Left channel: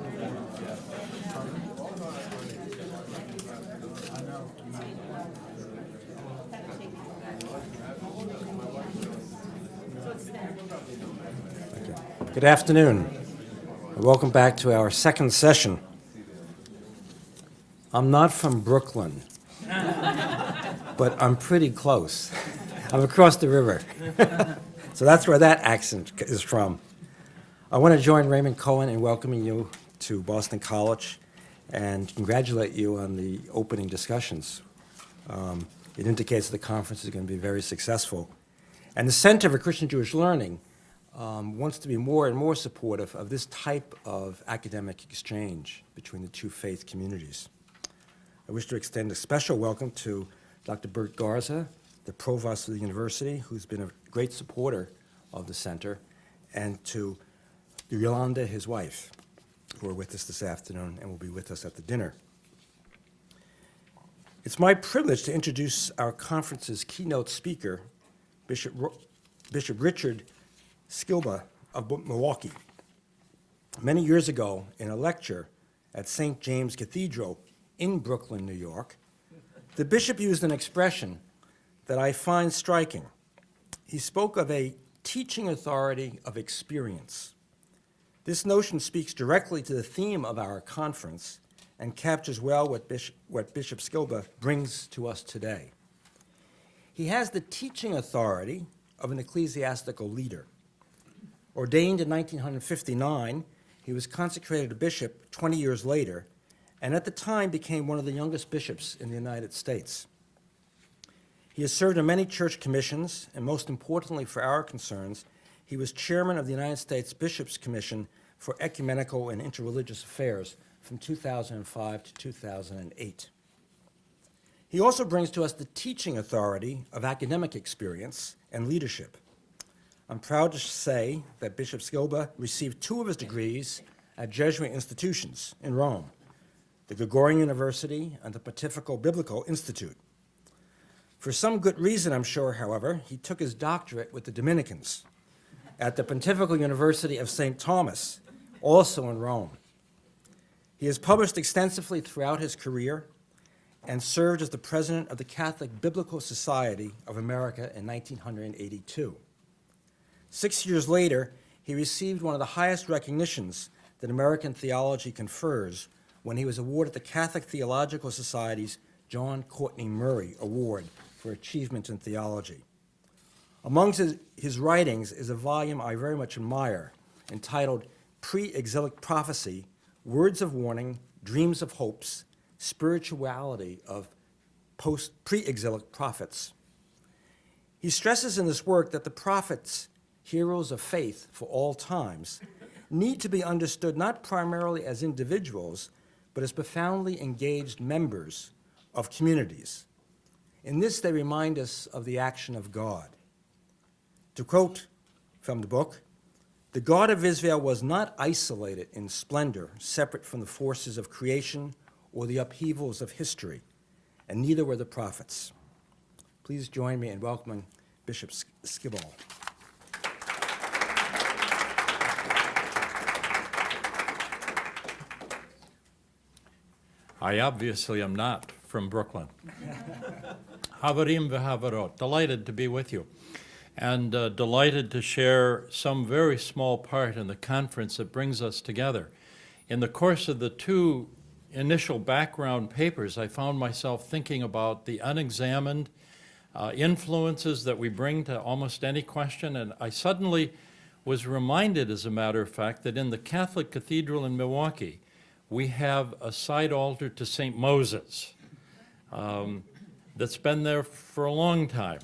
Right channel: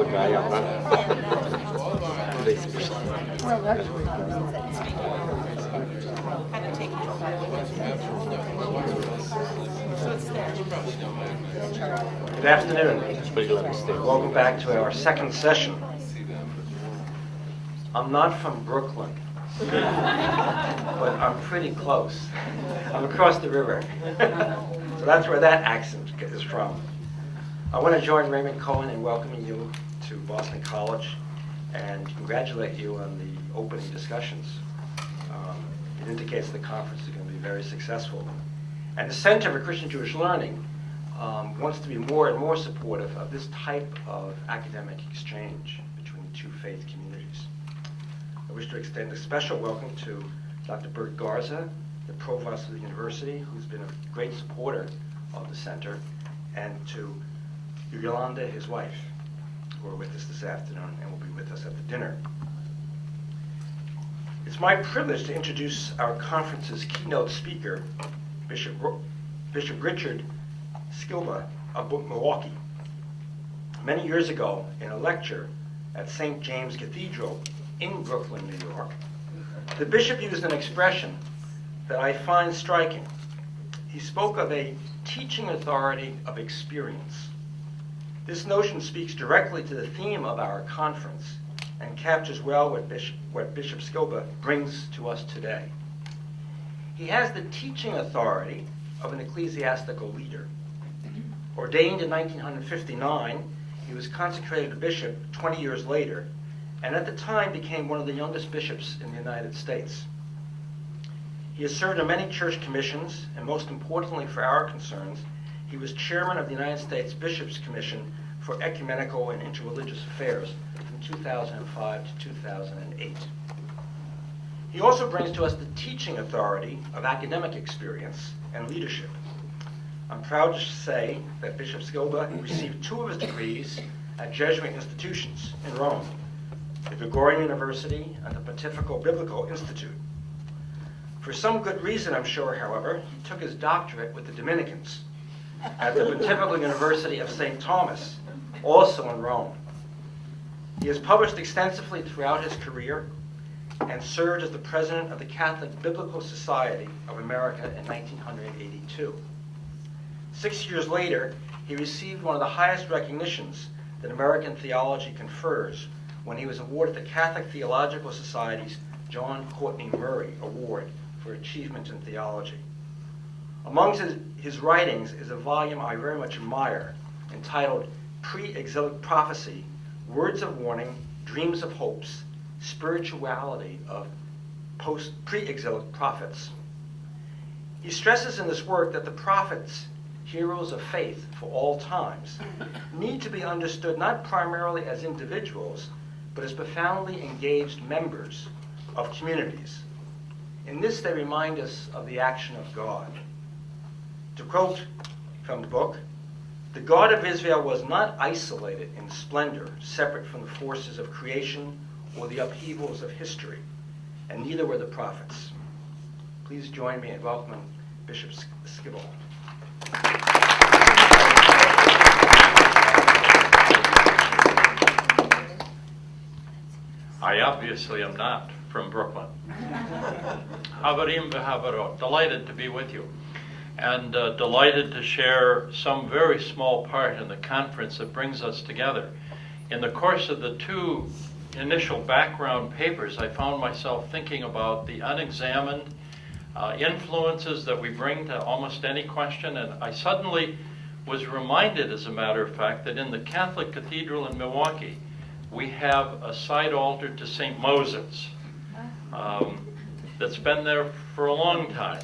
Good afternoon. Welcome back to our second session. I'm not from Brooklyn, but I'm pretty close. I'm across the river. So that's where that accent is from. I want to join Raymond Cohen in welcoming you to Boston College and congratulate you on the opening discussions. It indicates the conference is going to be very successful. And the Center for Christian Jewish Learning wants to be more and more supportive of this type of academic exchange between the two faith communities. I wish to extend a special welcome to Dr. Bert Garza, the provost of the university, who's been a great supporter of the center, and to Yolanda, his wife, who are with us this afternoon and will be with us at the dinner. It's my privilege to introduce our conference's keynote speaker, Bishop Richard Sklba of Milwaukee. Many years ago, in a lecture at St. James Cathedral in Brooklyn, New York, the bishop used an expression that I find striking. He spoke of a teaching authority of experience. This notion speaks directly to the theme of our conference and captures well what Bishop Sklba brings to us today. He has the teaching authority of an ecclesiastical leader. Ordained in 1959, he was consecrated a bishop 20 years later, and at the time became one of the youngest bishops in the United States. He has served on many church commissions, and most importantly for our concerns, he was chairman of the United States Bishops' Commission for Ecumenical and Interreligious Affairs from 2005 to 2008. He also brings to us the teaching authority of academic experience and leadership. I'm proud to say that Bishop Sklba received 2 of his degrees at Jesuit institutions in Rome, the Gregorian University and the Pontifical Biblical Institute. For some good reason, I'm sure, however, he took his doctorate with the Dominicans at the Pontifical University of St. Thomas, also in Rome. He has published extensively throughout his career and served as the president of the Catholic Biblical Society of America in 1982. 6 years later, he received one of the highest recognitions that American theology confers when he was awarded the Catholic Theological Society's John Courtney Murray Award for Achievement in Theology. Amongst his writings is a volume I very much admire, entitled Pre-Exilic Prophecy, Words of Warning, Dreams of Hopes, Spirituality of Pre-Exilic Prophets. He stresses in this work that the prophets, heroes of faith for all times, need to be understood not primarily as individuals, but as profoundly engaged members of communities. In this, they remind us of the action of God. To quote from the book, "The God of Israel was not isolated in splendor, separate from the forces of creation or the upheavals of history, and neither were the prophets." Please join me in welcoming Bishop Sklba. I obviously am not from Brooklyn. Havarim v'havarot, delighted to be with you, and delighted to share some very small part in the conference that brings us together. In the course of the 2 initial background papers, I found myself thinking about the unexamined influences that we bring to almost any question, and I suddenly was reminded, as a matter of fact, that in the Catholic Cathedral in Milwaukee, we have a side altar to St. Moses that's been there for a long time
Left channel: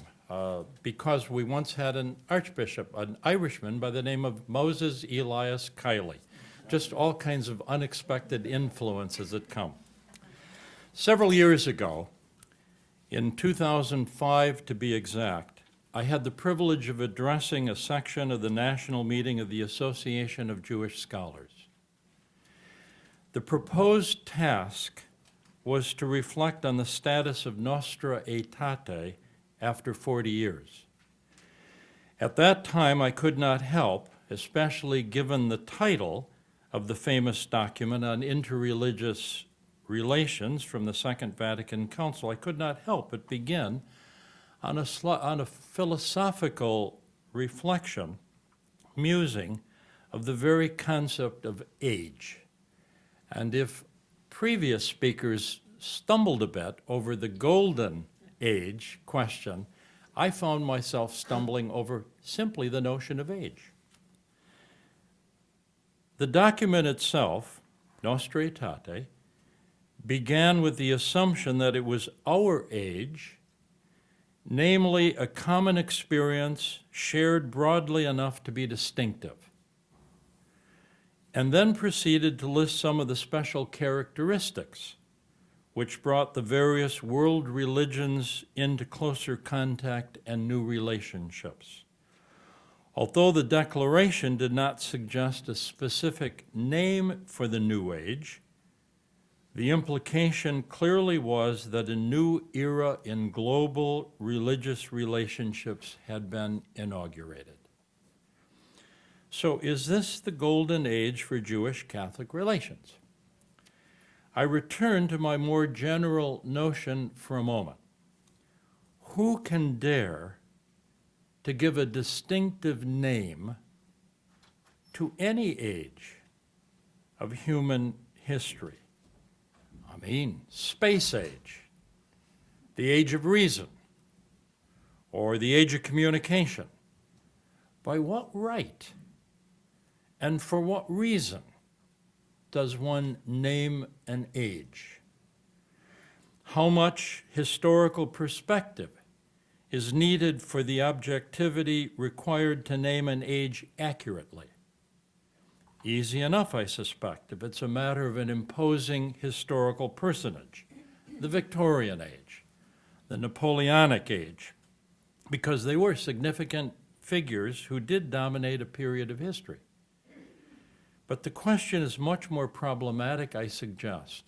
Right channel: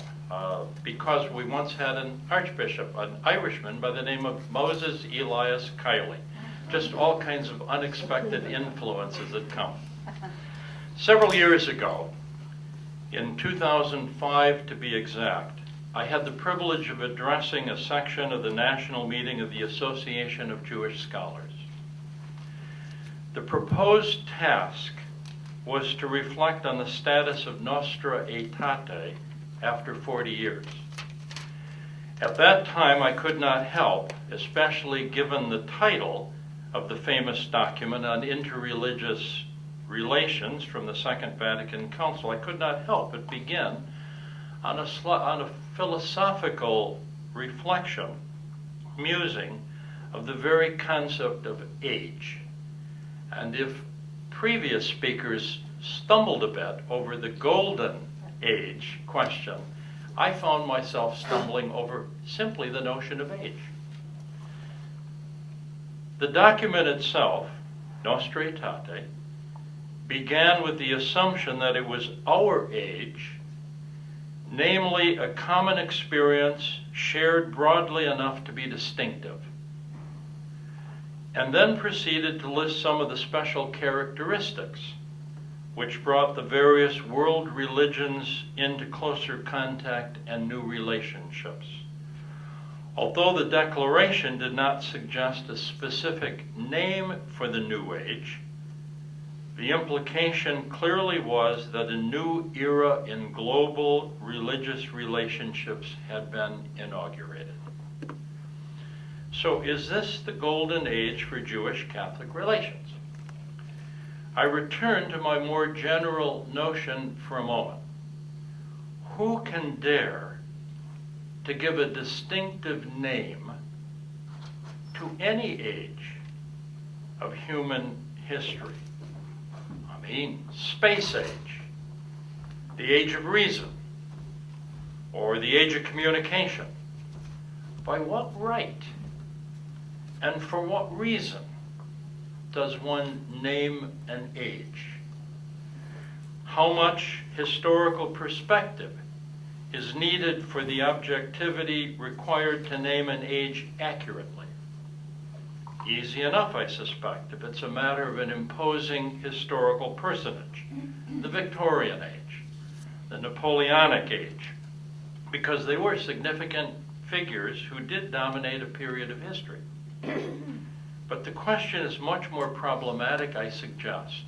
because we once had an archbishop, an Irishman by the name of Moses Elias Kiley. Just all kinds of unexpected influences that come. Several years ago, in 2005 to be exact, I had the privilege of addressing a section of the national meeting of the Association of Jewish Scholars. The proposed task was to reflect on the status of Nostra Aetate after 40 years. At that time, I could not help, especially given the title of the famous document on interreligious relations from the Second Vatican Council, I could not help but begin on a philosophical reflection, musing of the very concept of age. And if previous speakers stumbled a bit over the golden age question, I found myself stumbling over simply the notion of age. The document itself, Nostra Aetate, began with the assumption that it was our age, namely a common experience shared broadly enough to be distinctive, and then proceeded to list some of the special characteristics which brought the various world religions into closer contact and new relationships. Although the declaration did not suggest a specific name for the New Age, the implication clearly was that a new era in global religious relationships had been inaugurated. So is this the golden age for Jewish-Catholic relations? I return to my more general notion for a moment. Who can dare to give a distinctive name to any age of human history? I mean, space age, the age of reason, or the age of communication. By what right and for what reason does one name an age? How much historical perspective is needed for the objectivity required to name an age accurately? Easy enough, I suspect, if it's a matter of an imposing historical personage, the Victorian age, the Napoleonic age, because they were significant figures who did dominate a period of history. But the question is much more problematic, I suggest,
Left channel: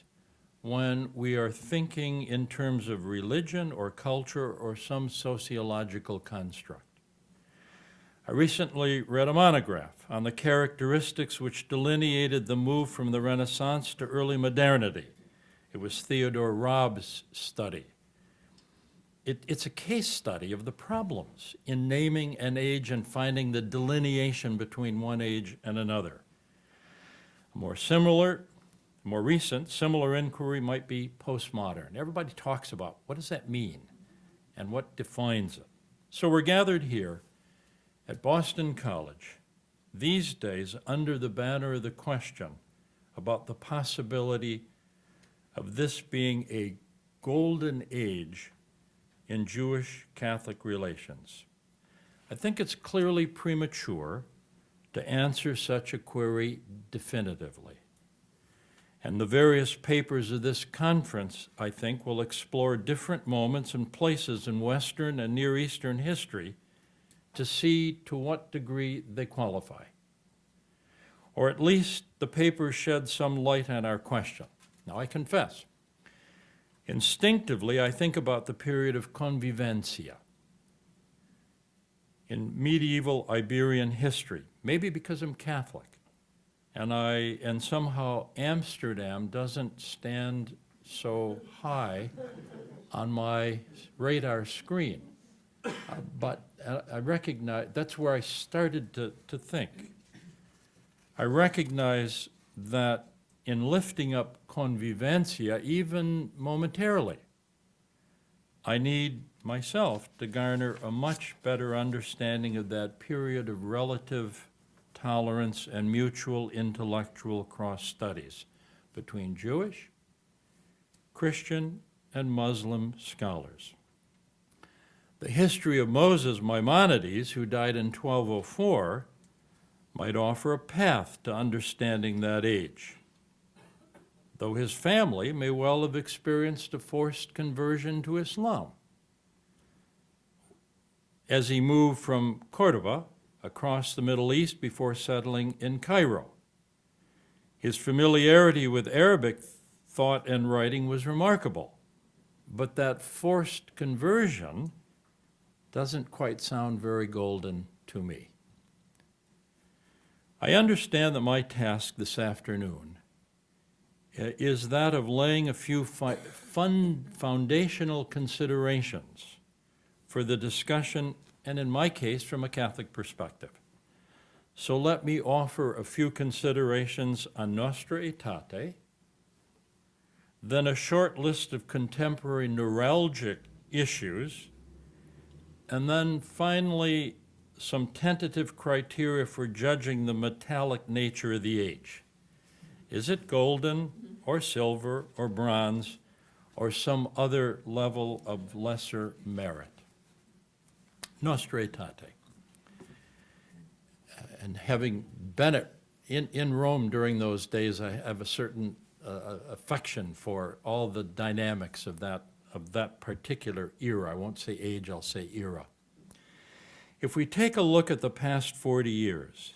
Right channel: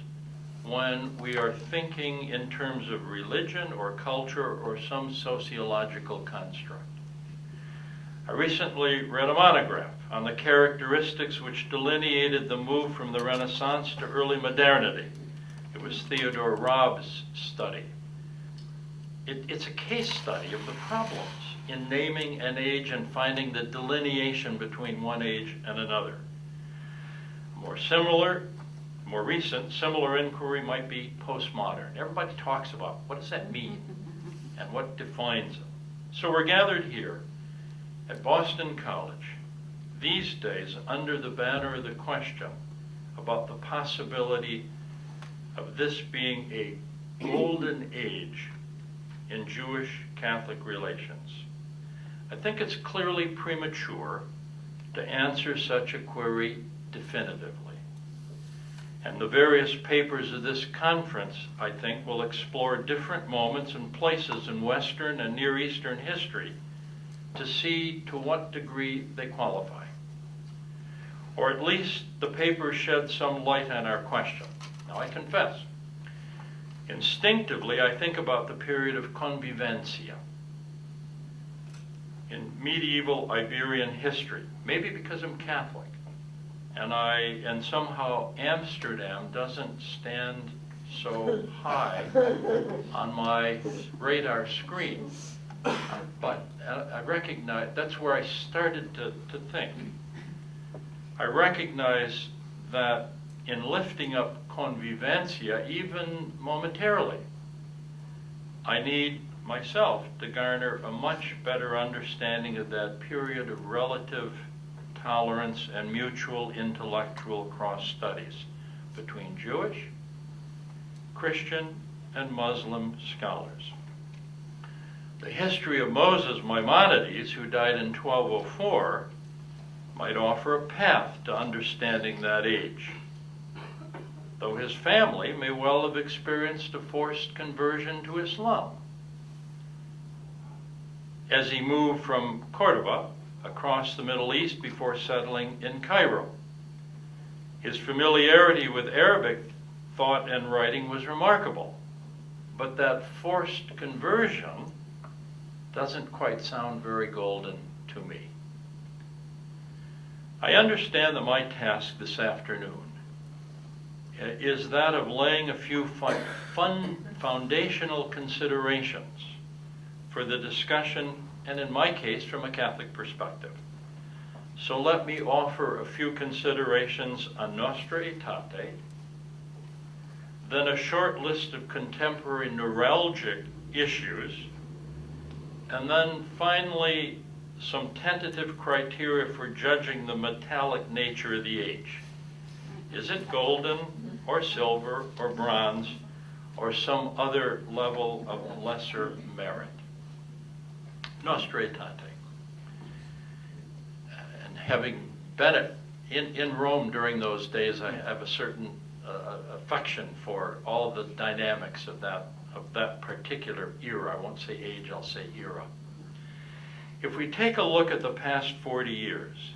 when we are thinking in terms of religion or culture or some sociological construct. I recently read a monograph on the characteristics which delineated the move from the Renaissance to early modernity. It was Theodore Robb's study. It's a case study of the problems in naming an age and finding the delineation between one age and another. More recent, similar inquiry might be postmodern. Everybody talks about what does that mean and what defines it. So we're gathered here at Boston College these days under the banner of the question about the possibility of this being a golden age in Jewish-Catholic relations. I think it's clearly premature to answer such a query definitively. And the various papers of this conference, I think, will explore different moments and places in Western and Near Eastern history to see to what degree they qualify. Or at least the papers shed some light on our question. Now I confess, instinctively I think about the period of convivencia in medieval Iberian history, maybe because I'm Catholic. And somehow Amsterdam doesn't stand so high on my radar screen. But I recognize, that's where I started to think. I recognize that in lifting up convivencia, even momentarily, I need myself to garner a much better understanding of that period of relative tolerance and mutual intellectual cross-studies between Jewish, Christian, and Muslim scholars. The history of Moses Maimonides, who died in 1204, might offer a path to understanding that age, though his family may well have experienced a forced conversion to Islam as he moved from Cordoba across the Middle East before settling in Cairo. His familiarity with Arabic thought and writing was remarkable, but that forced conversion doesn't quite sound very golden to me. I understand that my task this afternoon is that of laying a few foundational considerations for the discussion, and in my case, from a Catholic perspective. So let me offer a few considerations on Nostra Aetate, then a short list of contemporary neuralgic issues, and then finally some tentative criteria for judging the metallic nature of the age. Is it golden or silver or bronze or some other level of lesser merit? Nostra Aetate. And having been in Rome during those days, I have a certain affection for all the dynamics of that particular era. I won't say age, I'll say era. If we take a look at the past 40 years,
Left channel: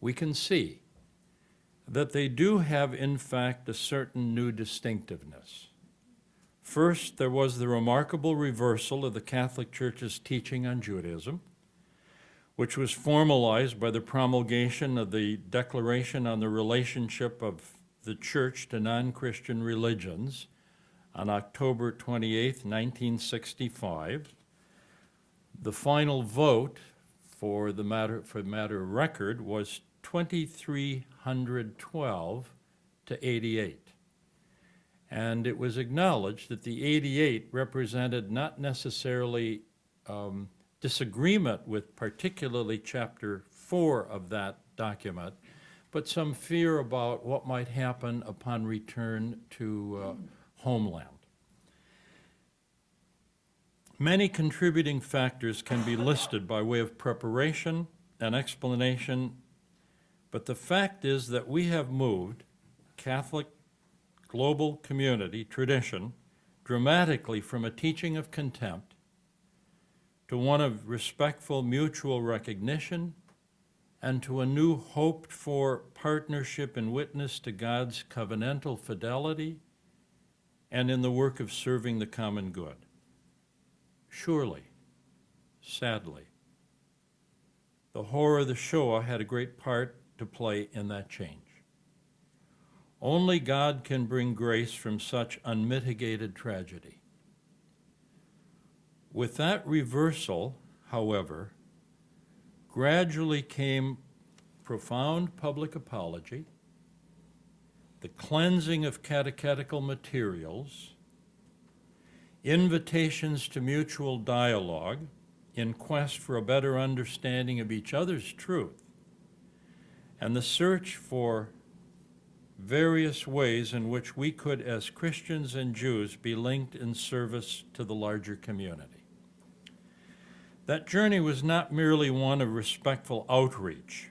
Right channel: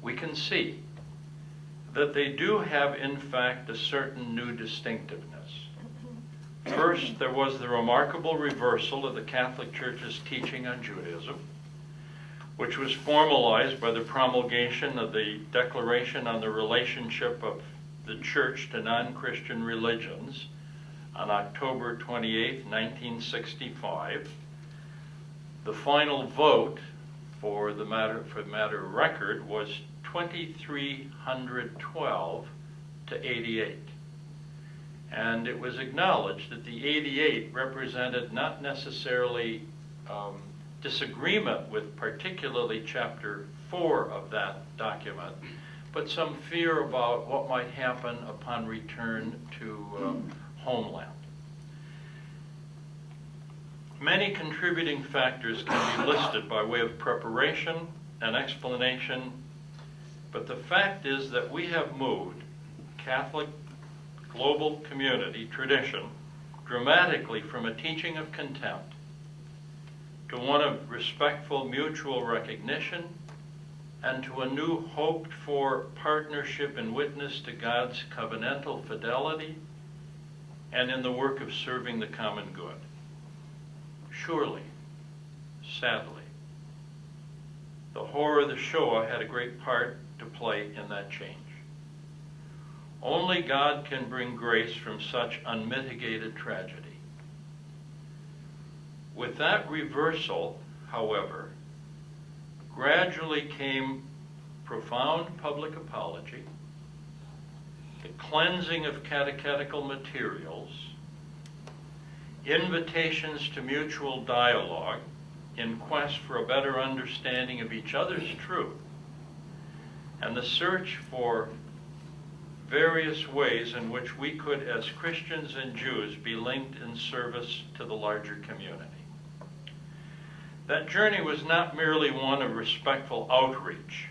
we can see that they do have, in fact, a certain new distinctiveness. First, there was the remarkable reversal of the Catholic Church's teaching on Judaism, which was formalized by the promulgation of the Declaration on the Relationship of the Church to Non-Christian Religions on October 28, 1965. The final vote for the matter of record was 2,312 to 88. And it was acknowledged that the 88 represented not necessarily disagreement with particularly chapter 4 of that document, but some fear about what might happen upon return to homeland. Many contributing factors can be listed by way of preparation and explanation, but the fact is that we have moved Catholic global community tradition dramatically from a teaching of contempt to one of respectful mutual recognition and to a new hoped for partnership and witness to God's covenantal fidelity and in the work of serving the common good. Surely, sadly, the horror of the Shoah had a great part to play in that change. Only God can bring grace from such unmitigated tragedy. With that reversal, however, gradually came profound public apology, the cleansing of catechetical materials, invitations to mutual dialogue in quest for a better understanding of each other's truth, and the search for various ways in which we could, as Christians and Jews, be linked in service to the larger community. That journey was not merely one of respectful outreach,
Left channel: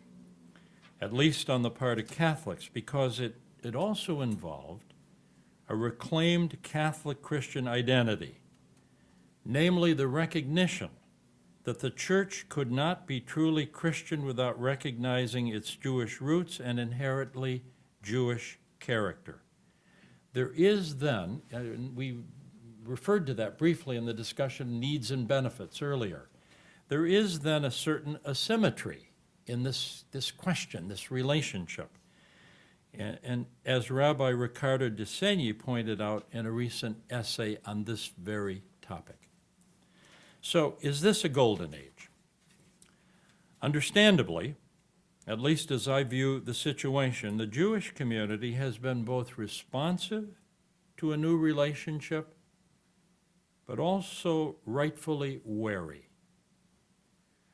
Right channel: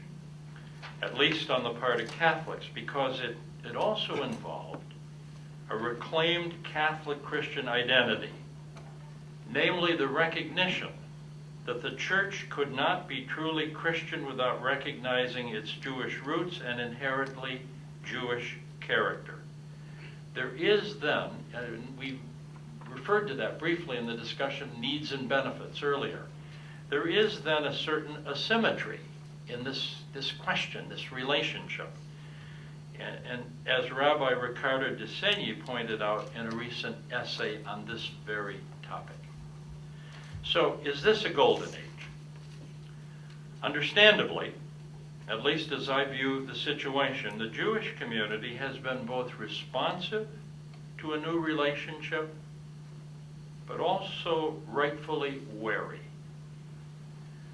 at least on the part of Catholics, because it also involved a reclaimed Catholic Christian identity, namely the recognition that the Church could not be truly Christian without recognizing its Jewish roots and inherently Jewish character. There is then, and we referred to that briefly in the discussion needs and benefits earlier, there is then a certain asymmetry in this question, this relationship. And as Rabbi Riccardo de Segni pointed out in a recent essay on this very topic. So, is this a golden age? Understandably, at least as I view the situation, the Jewish community has been both responsive to a new relationship, but also rightfully wary.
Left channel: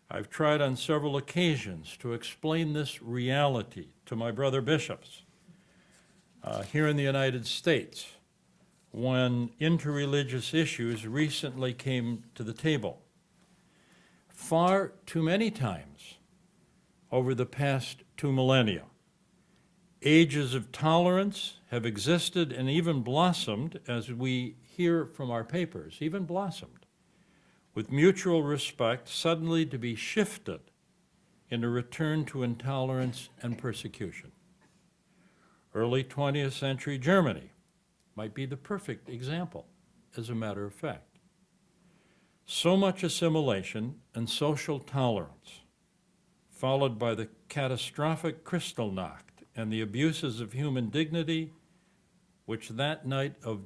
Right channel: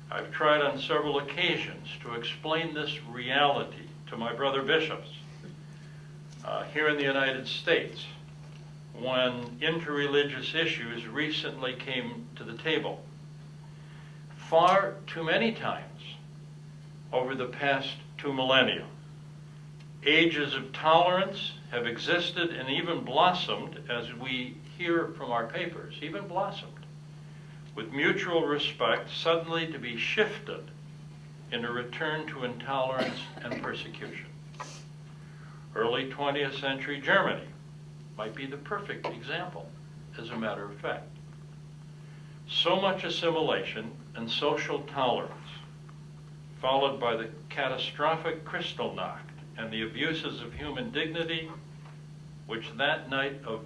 I've tried on several occasions to explain this reality to my brother bishops here in the United States when interreligious issues recently came to the table. Far too many times over the past 2 millennia, ages of tolerance have existed and even blossomed, as we hear from our papers, even blossomed, with mutual respect suddenly to be shifted in a return to intolerance and persecution. Early 20th century Germany might be the perfect example, as a matter of fact. So much assimilation and social tolerance followed by the catastrophic Kristallnacht and the abuses of human dignity which that night of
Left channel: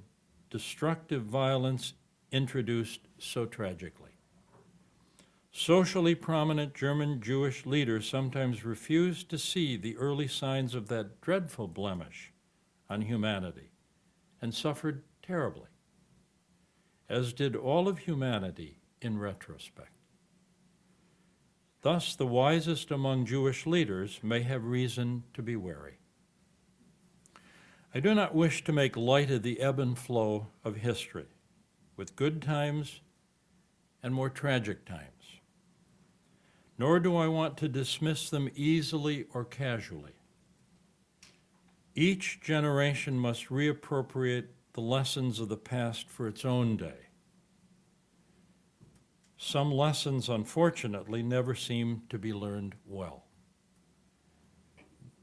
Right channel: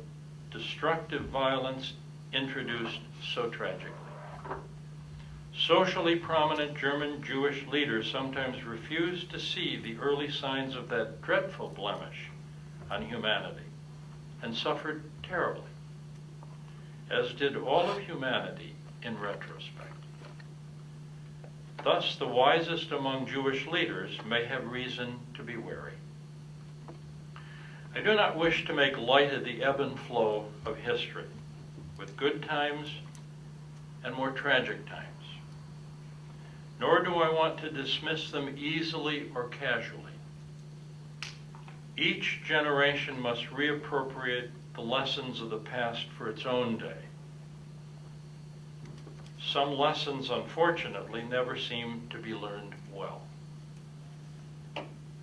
destructive violence introduced so tragically. Socially prominent German Jewish leaders sometimes refused to see the early signs of that dreadful blemish on humanity and suffered terribly, as did all of humanity in retrospect. Thus, the wisest among Jewish leaders may have reason to be wary. I do not wish to make light of the ebb and flow of history, with good times and more tragic times. Nor do I want to dismiss them easily or casually. Each generation must reappropriate the lessons of the past for its own day. Some lessons, unfortunately, never seem to be learned well.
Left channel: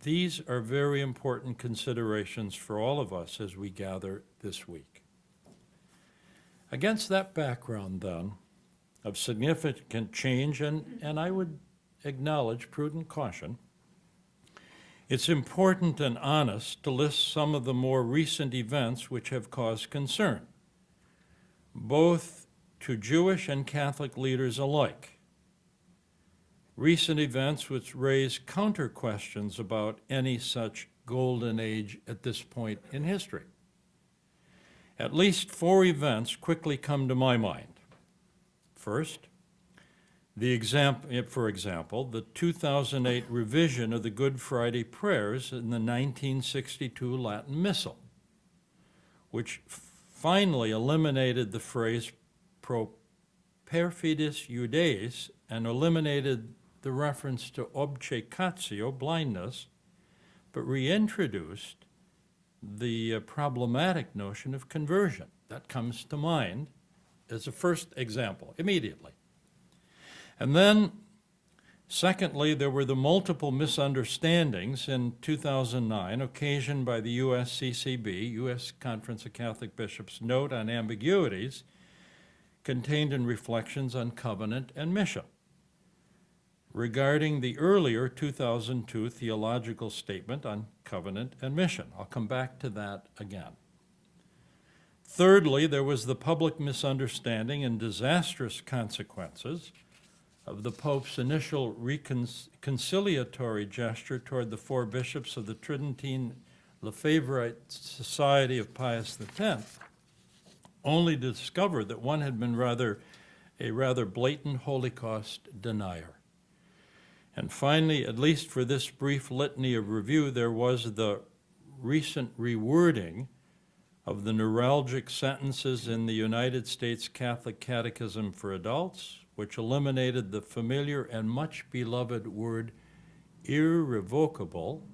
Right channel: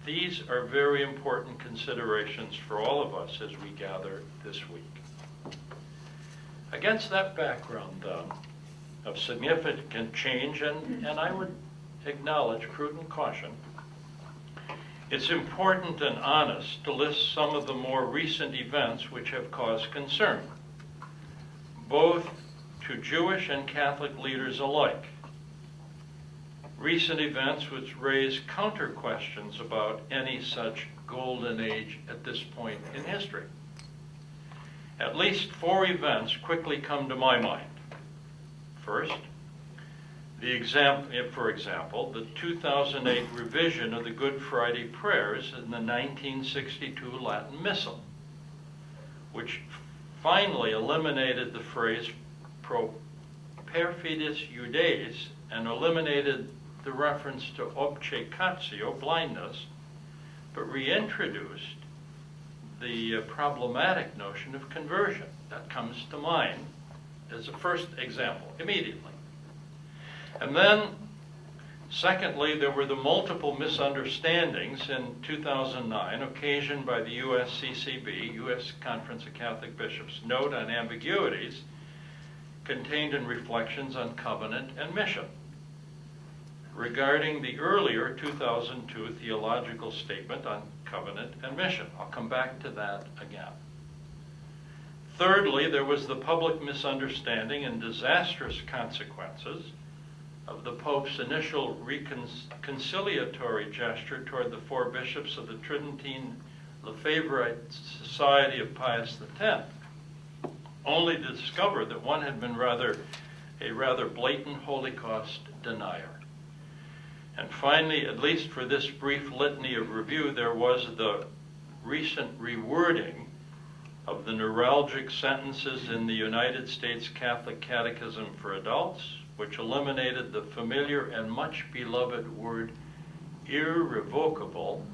These are very important considerations for all of us as we gather this week. Against that background, then, of significant change and I would acknowledge prudent caution, it's important and honest to list some of the more recent events which have caused concern, both to Jewish and Catholic leaders alike. Recent events which raise counter questions about any such golden age at this point in history. At least 4 events quickly come to my mind. First, for example, the 2008 revision of the Good Friday prayers in the 1962 Latin Missal, which finally eliminated the phrase pro perfides Judaeis and eliminated the reference to obcecatio, blindness, but reintroduced the problematic notion of conversion. That comes to mind as a first example, immediately. And then, secondly, there were the multiple misunderstandings in 2009 occasioned by the USCCB, U.S. Conference of Catholic Bishops, note on ambiguities contained in Reflections on Covenant and Mission, regarding the earlier 2002 theological statement on covenant and mission. I'll come back to that again. Thirdly, there was the public misunderstanding and disastrous consequences of the Pope's initial reconciliatory gesture toward the 4 bishops of the Tridentine Lefebvrite Society of Pius X, only to discover that one had been a rather blatant Holocaust denier. And finally, at least for this brief litany of review, there was the recent rewording of the neuralgic sentences in the United States Catholic Catechism for Adults, which eliminated the familiar and much beloved word irrevocable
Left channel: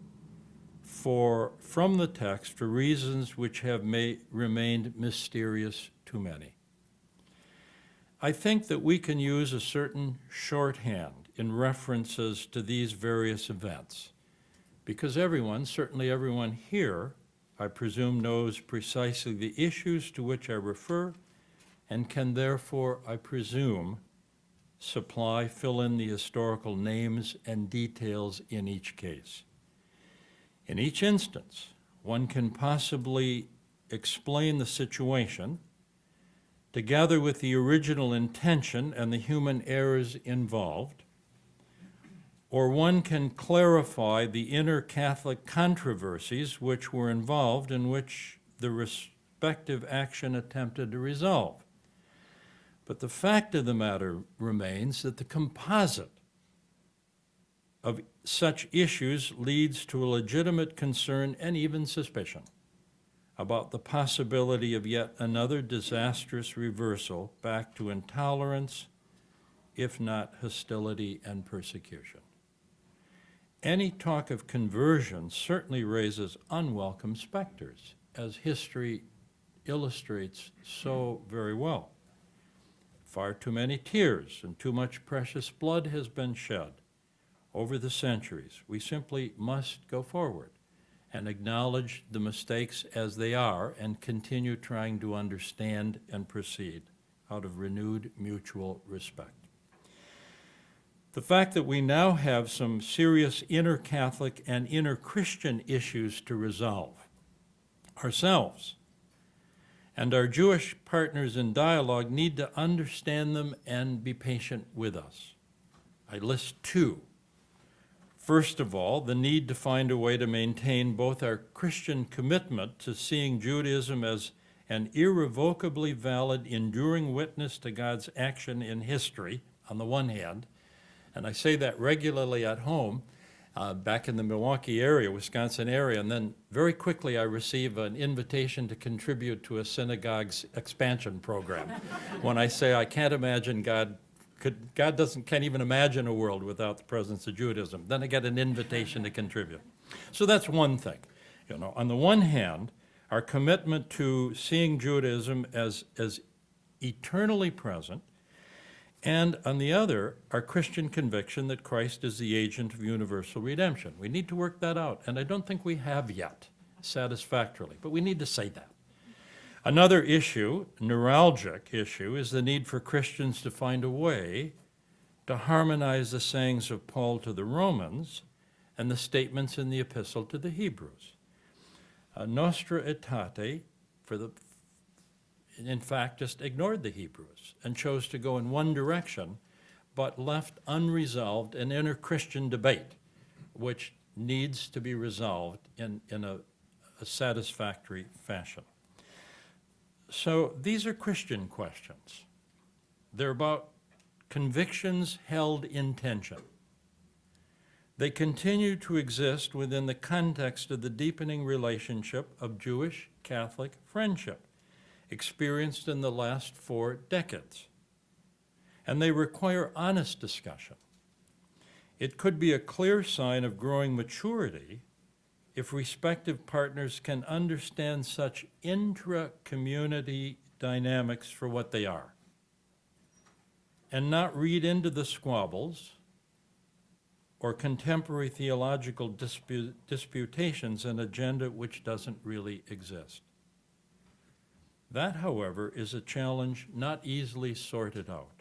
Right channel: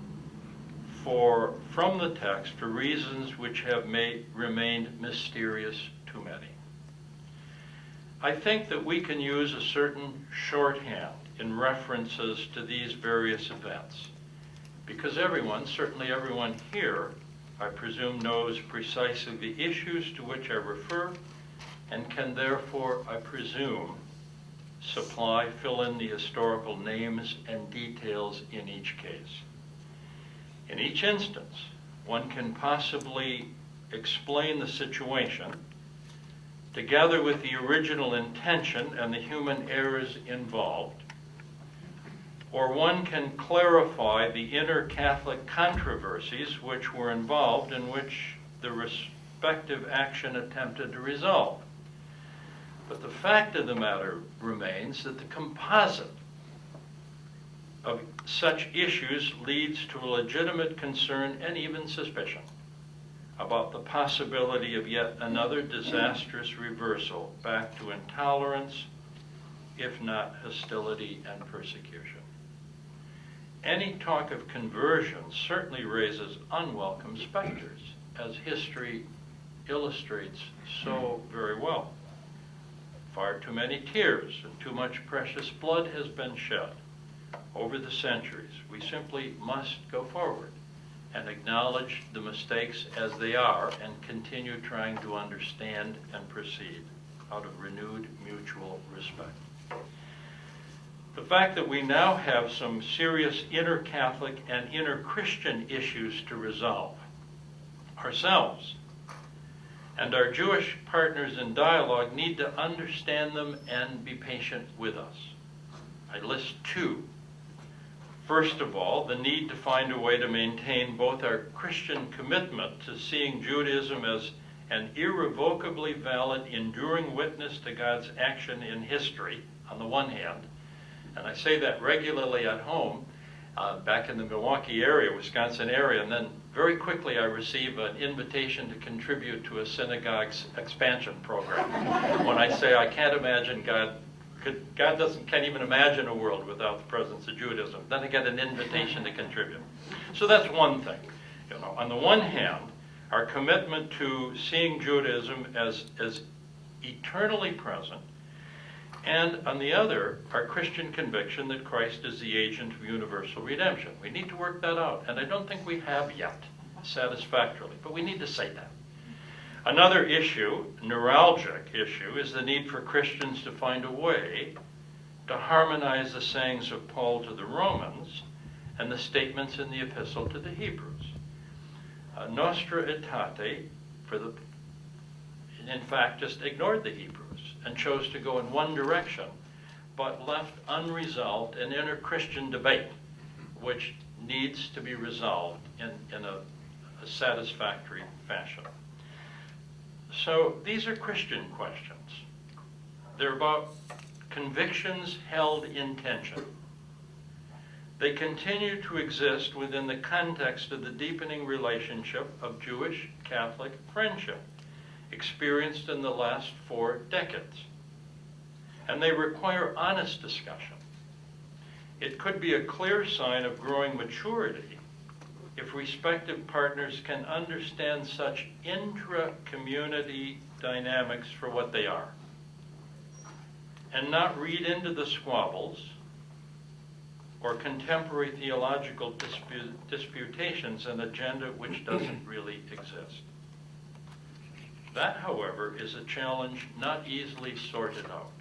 from the text for reasons which have remained mysterious to many. I think that we can use a certain shorthand in references to these various events, because everyone, certainly everyone here, I presume, knows precisely the issues to which I refer and can therefore, I presume, fill in the historical names and details in each case. In each instance, one can possibly explain the situation together with the original intention and the human errors involved, or one can clarify the inner Catholic controversies which were involved and which the respective action attempted to resolve. But the fact of the matter remains that the composite of such issues leads to a legitimate concern and even suspicion about the possibility of yet another disastrous reversal back to intolerance, if not hostility and persecution. Any talk of conversion certainly raises unwelcome specters, as history illustrates so very well. Far too many tears and too much precious blood has been shed over the centuries. We simply must go forward and acknowledge the mistakes as they are and continue trying to understand and proceed out of renewed mutual respect. The fact that we now have some serious inter-Catholic and inter-Christian issues to resolve ourselves, and our Jewish partners in dialogue need to understand them and be patient with us. I list two. First of all, the need to find a way to maintain both our Christian commitment to seeing Judaism as an irrevocably valid, enduring witness to God's action in history, on the one hand, and I say that regularly at home, back in the Milwaukee area, Wisconsin area, and then very quickly I receive an invitation to contribute to a synagogue's expansion program. When I say I can't imagine can't even imagine a world without the presence of Judaism, then I get an invitation to contribute. So that's one thing. On the one hand, our commitment to seeing Judaism as eternally present, and on the other, our Christian conviction that Christ is the agent of universal redemption. We need to work that out, and I don't think we have yet satisfactorily, but we need to say that. Another issue, neuralgic issue, is the need for Christians to find a way to harmonize the sayings of Paul to the Romans and the statements in the epistle to the Hebrews. Nostra Aetate, in fact, just ignored the Hebrews and chose to go in one direction, but left unresolved an inter-Christian debate, which needs to be resolved in a satisfactory fashion. So these are Christian questions. They're about convictions held in tension. They continue to exist within the context of the deepening relationship of Jewish-Catholic friendship experienced in the last 4 decades. And they require honest discussion. It could be a clear sign of growing maturity if respective partners can understand such intra-community dynamics for what they are, and not read into the squabbles or contemporary theological disputations an agenda which doesn't really exist. That, however, is a challenge not easily sorted out,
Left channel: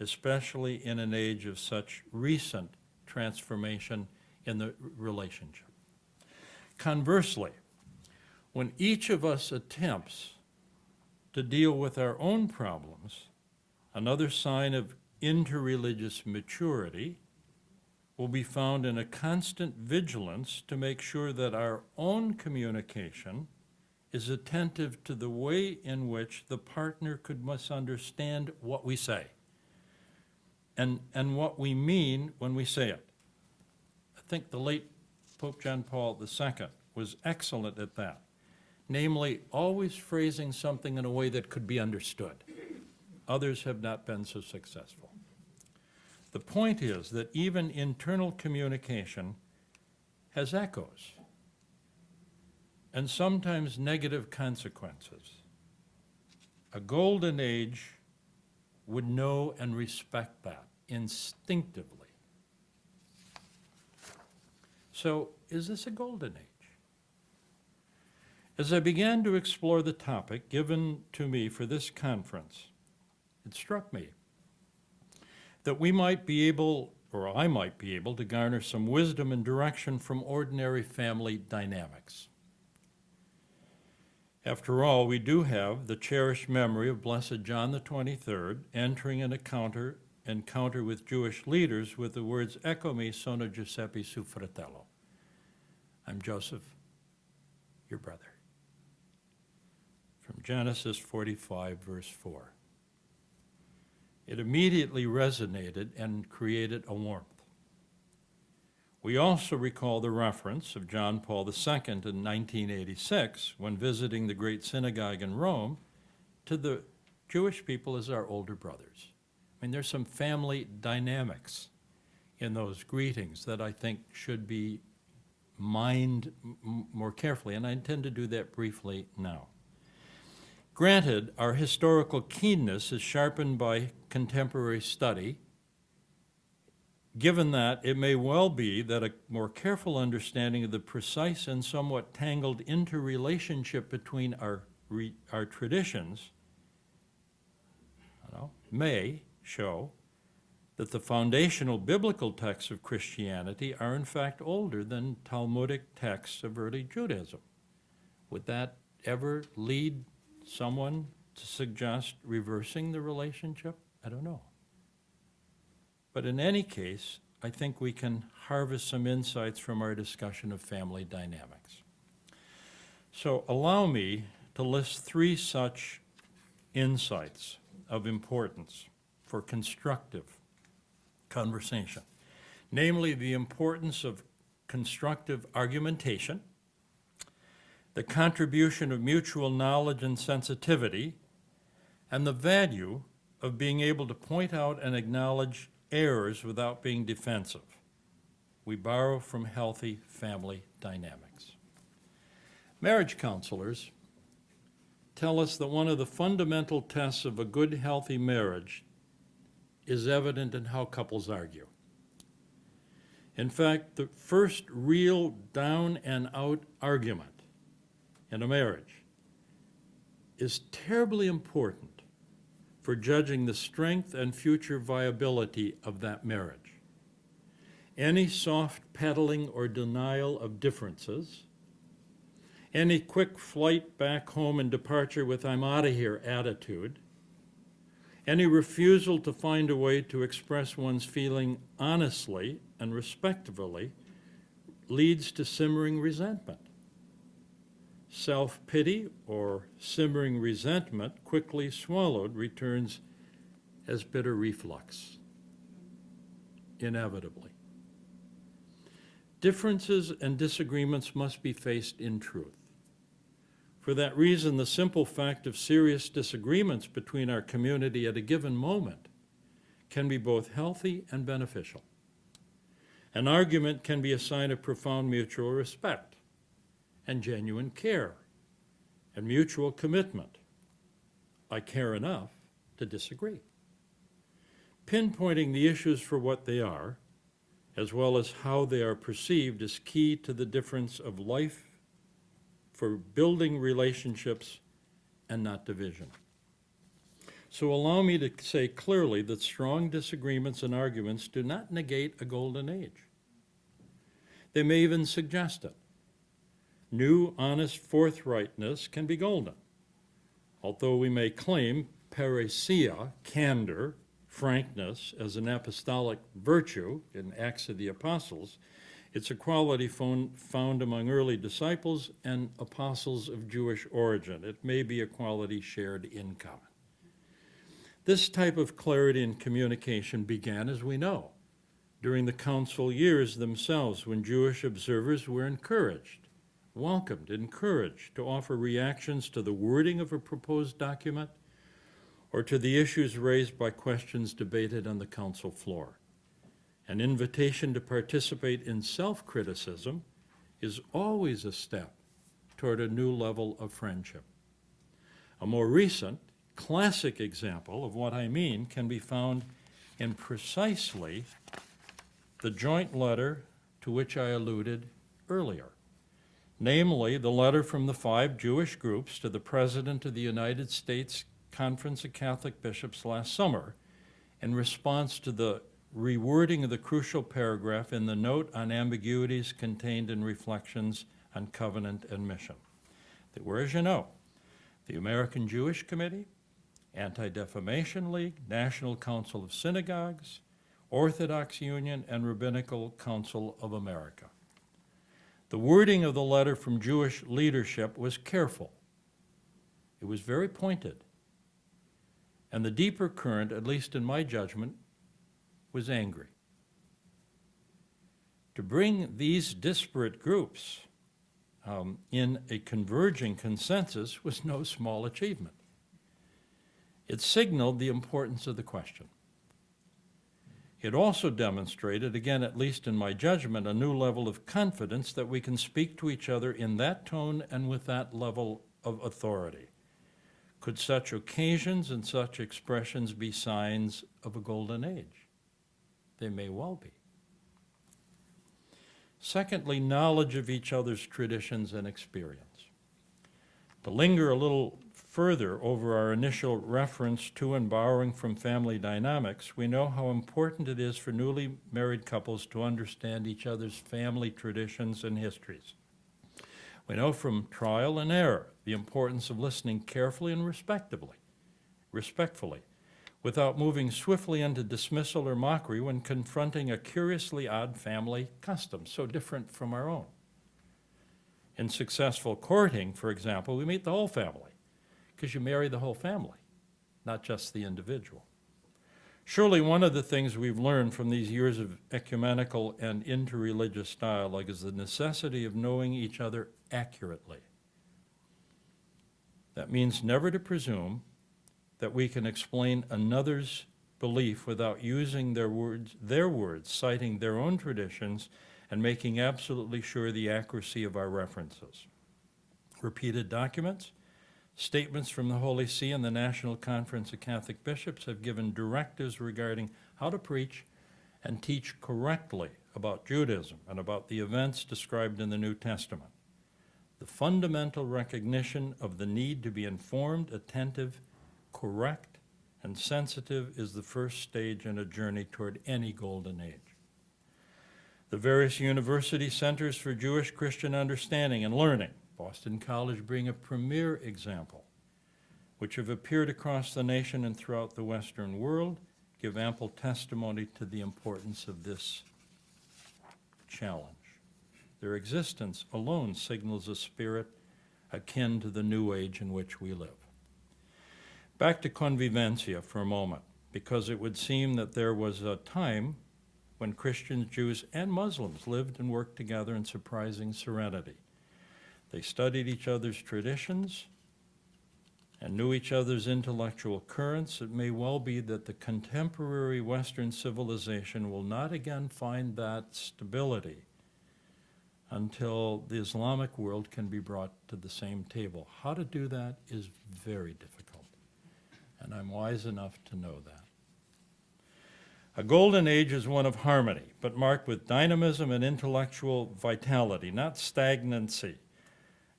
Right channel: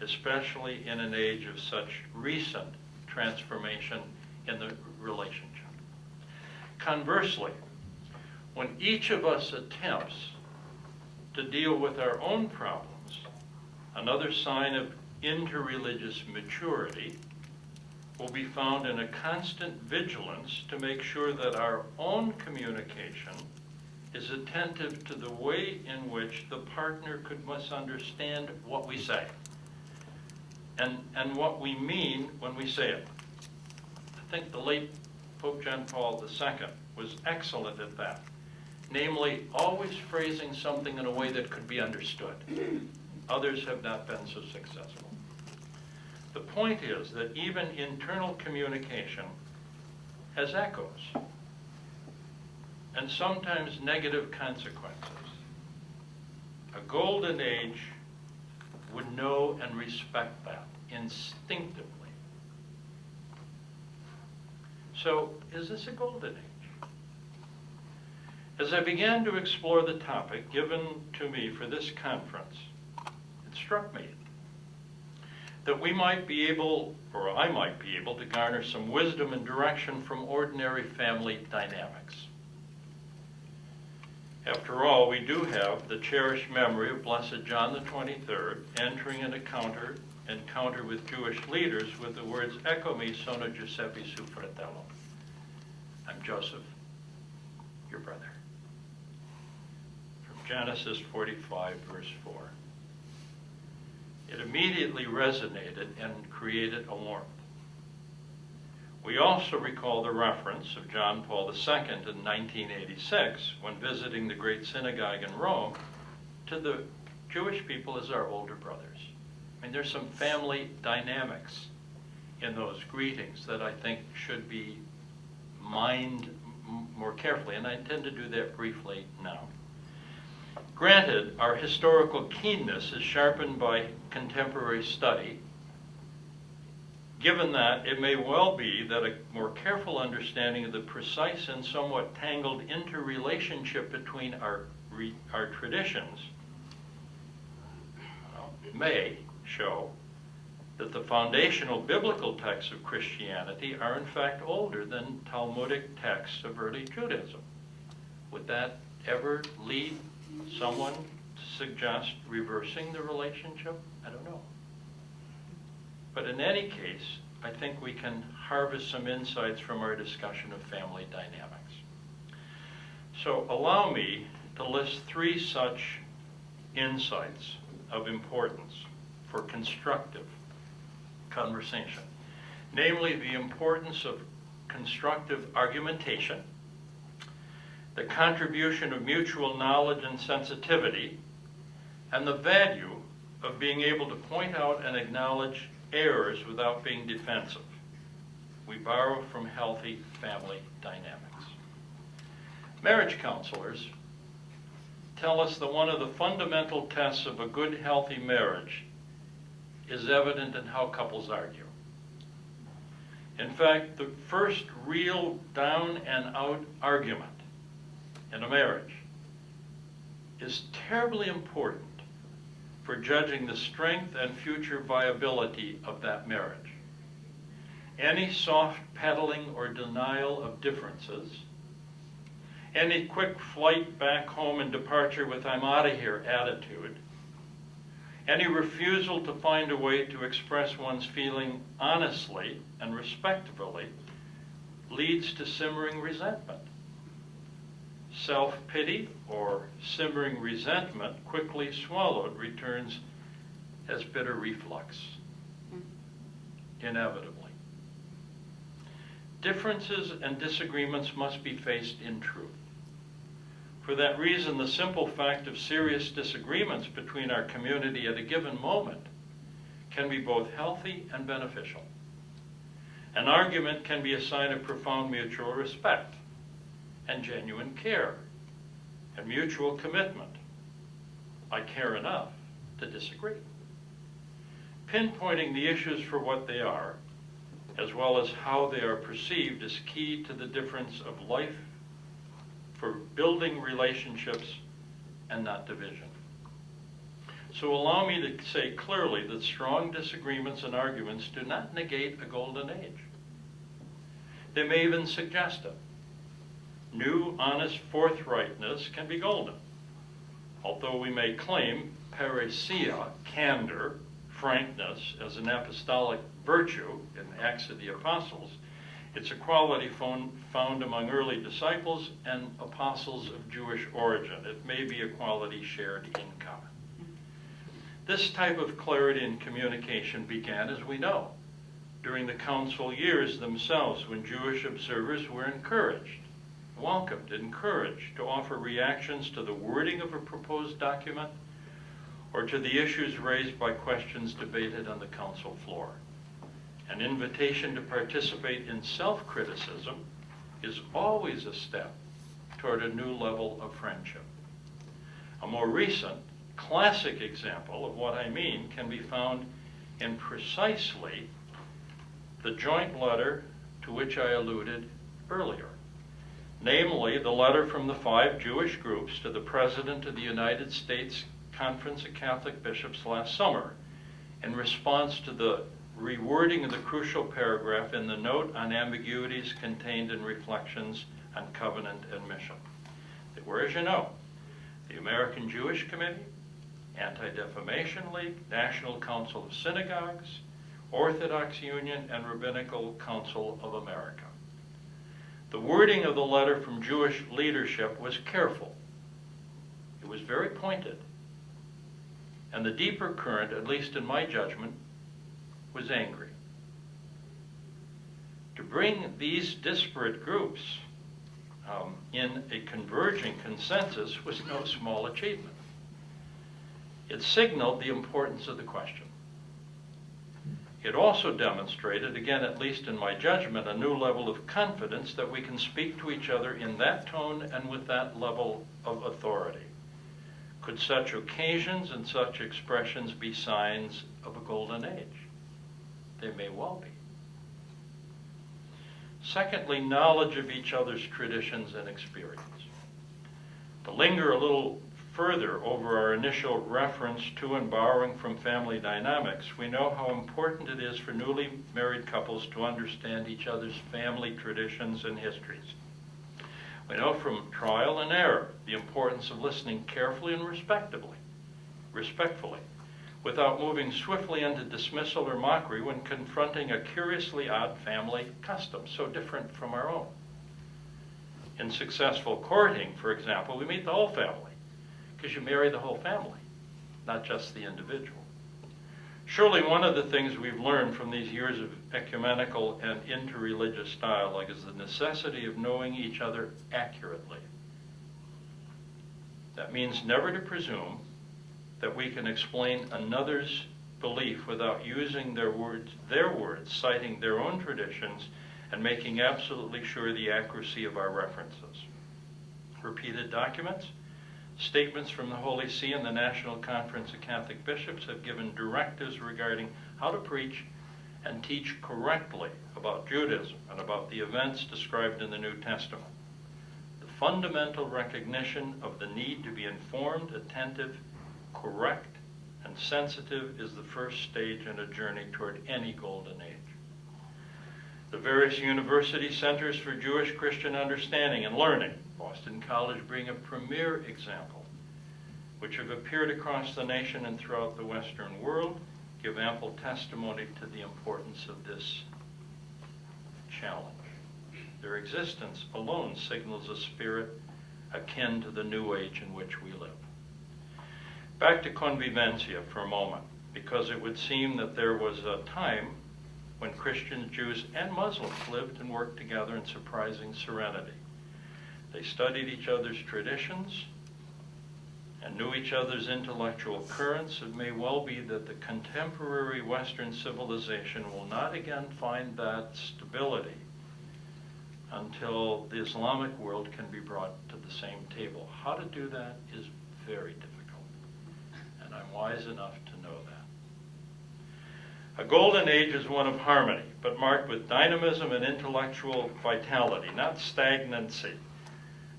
especially in an age of such recent transformation in the relationship. Conversely, when each of us attempts to deal with our own problems, another sign of interreligious maturity will be found in a constant vigilance to make sure that our own communication is attentive to the way in which the partner could misunderstand what we say and what we mean when we say it. I think the late Pope John Paul II was excellent at that, namely always phrasing something in a way that could be understood. Others have not been so successful. The point is that even internal communication has echoes and sometimes negative consequences. A golden age would know and respect that instinctively. So, is this a golden age? As I began to explore the topic given to me for this conference, it struck me that we might be able, or I might be able, to garner some wisdom and direction from ordinary family dynamics. After all, we do have the cherished memory of Blessed John the 23rd entering an encounter with Jewish leaders with the words, "Ecco mi sono Giuseppe suo fratello." I'm Joseph, your brother. From Genesis 45, verse 4. It immediately resonated and created a warmth. We also recall the reference of John Paul II in 1986, when visiting the great synagogue in Rome, to the Jewish people as our older brothers. I mean, there's some family dynamics in those greetings that I think should be mined more carefully, and I intend to do that briefly now. Granted, our historical keenness is sharpened by contemporary study. Given that, it may well be that a more careful understanding of the precise and somewhat tangled interrelationship between our traditions may show that the foundational biblical texts of Christianity are in fact older than Talmudic texts of early Judaism. Would that ever lead someone to suggest reversing the relationship? I don't know. But in any case, I think we can harvest some insights from our discussion of family dynamics. So allow me to list 3 such insights of importance for constructive conversation. Namely, the importance of constructive argumentation, the contribution of mutual knowledge and sensitivity, and the value of being able to point out and acknowledge errors without being defensive. We borrow from healthy family dynamics. Marriage counselors tell us that one of the fundamental tests of a good, healthy marriage is evident in how couples argue. In fact, the first real down and out argument in a marriage is terribly important for judging the strength and future viability of that marriage. Any soft peddling or denial of differences, any quick flight back home and departure with "I'm out of here" attitude, any refusal to find a way to express one's feeling honestly and respectfully leads to simmering resentment. Self-pity or simmering resentment, quickly swallowed, returns as bitter reflux, inevitably. Differences and disagreements must be faced in truth. For that reason, the simple fact of serious disagreements between our community at a given moment can be both healthy and beneficial. An argument can be a sign of profound mutual respect and genuine care and mutual commitment. I care enough to disagree. Pinpointing the issues for what they are, as well as how they are perceived, is key to the difference of life for building relationships and not division. So allow me to say clearly that strong disagreements and arguments do not negate a golden age. They may even suggest it. New, honest forthrightness can be golden. Although we may claim parrhesia, candor, frankness, as an apostolic virtue in Acts of the Apostles, it's a quality found among early disciples and apostles of Jewish origin. It may be a quality shared in common. This type of clarity in communication began, as we know, during the council years themselves, when Jewish observers were welcomed, encouraged to offer reactions to the wording of a proposed document or to the issues raised by questions debated on the council floor. An invitation to participate in self-criticism is always a step toward a new level of friendship. A more recent, classic example of what I mean can be found in precisely the joint letter to which I alluded earlier. Namely, the letter from the 5 Jewish groups to the President of the United States Conference of Catholic Bishops last summer in response to the rewording of the crucial paragraph in the note on ambiguities contained in Reflections on Covenant and Mission. They were, as you know, the American Jewish Committee, Anti-Defamation League, National Council of Synagogues, Orthodox Union, and Rabbinical Council of America. The wording of the letter from Jewish leadership was careful. It was very pointed. And the deeper current, at least in my judgment, was angry. To bring these disparate groups in a converging consensus was no small achievement. It signaled the importance of the question. It also demonstrated, again, at least in my judgment, a new level of confidence that we can speak to each other in that tone and with that level of authority. Could such occasions and such expressions be signs of a golden age? They may well be. Secondly, knowledge of each other's traditions and experience. To linger a little further over our initial reference to and borrowing from family dynamics, we know how important it is for newly married couples to understand each other's family traditions and histories. We know from trial and error the importance of listening carefully and respectfully, without moving swiftly into dismissal or mockery when confronting a curiously odd family custom, so different from our own. In successful courting, for example, we meet the whole family, because you marry the whole family, not just the individual. Surely one of the things we've learned from these years of ecumenical and interreligious dialogue is the necessity of knowing each other accurately. That means never to presume that we can explain another's belief without using their words, citing their own traditions, and making absolutely sure the accuracy of our references. Repeated documents, statements from the Holy See and the National Conference of Catholic Bishops have given directives regarding how to preach and teach correctly about Judaism and about the events described in the New Testament. The fundamental recognition of the need to be informed, attentive, correct, and sensitive is the first stage in a journey toward any golden age. The various university centers for Jewish Christian understanding and learning, Boston College being a premier example, which have appeared across the nation and throughout the Western world, give ample testimony to the importance of this challenge. Their existence alone signals a spirit akin to the new age in which we live. Back to convivencia for a moment, because it would seem that there was a time when Christians, Jews, and Muslims lived and worked together in surprising serenity. They studied each other's traditions and knew each other's intellectual currents. It may well be that the contemporary Western civilization will not again find that stability until the Islamic world can be brought to the same table. How to do that is very difficult, and I'm wise enough to know that. A golden age is one of harmony, but marked with dynamism and intellectual vitality, not stagnancy.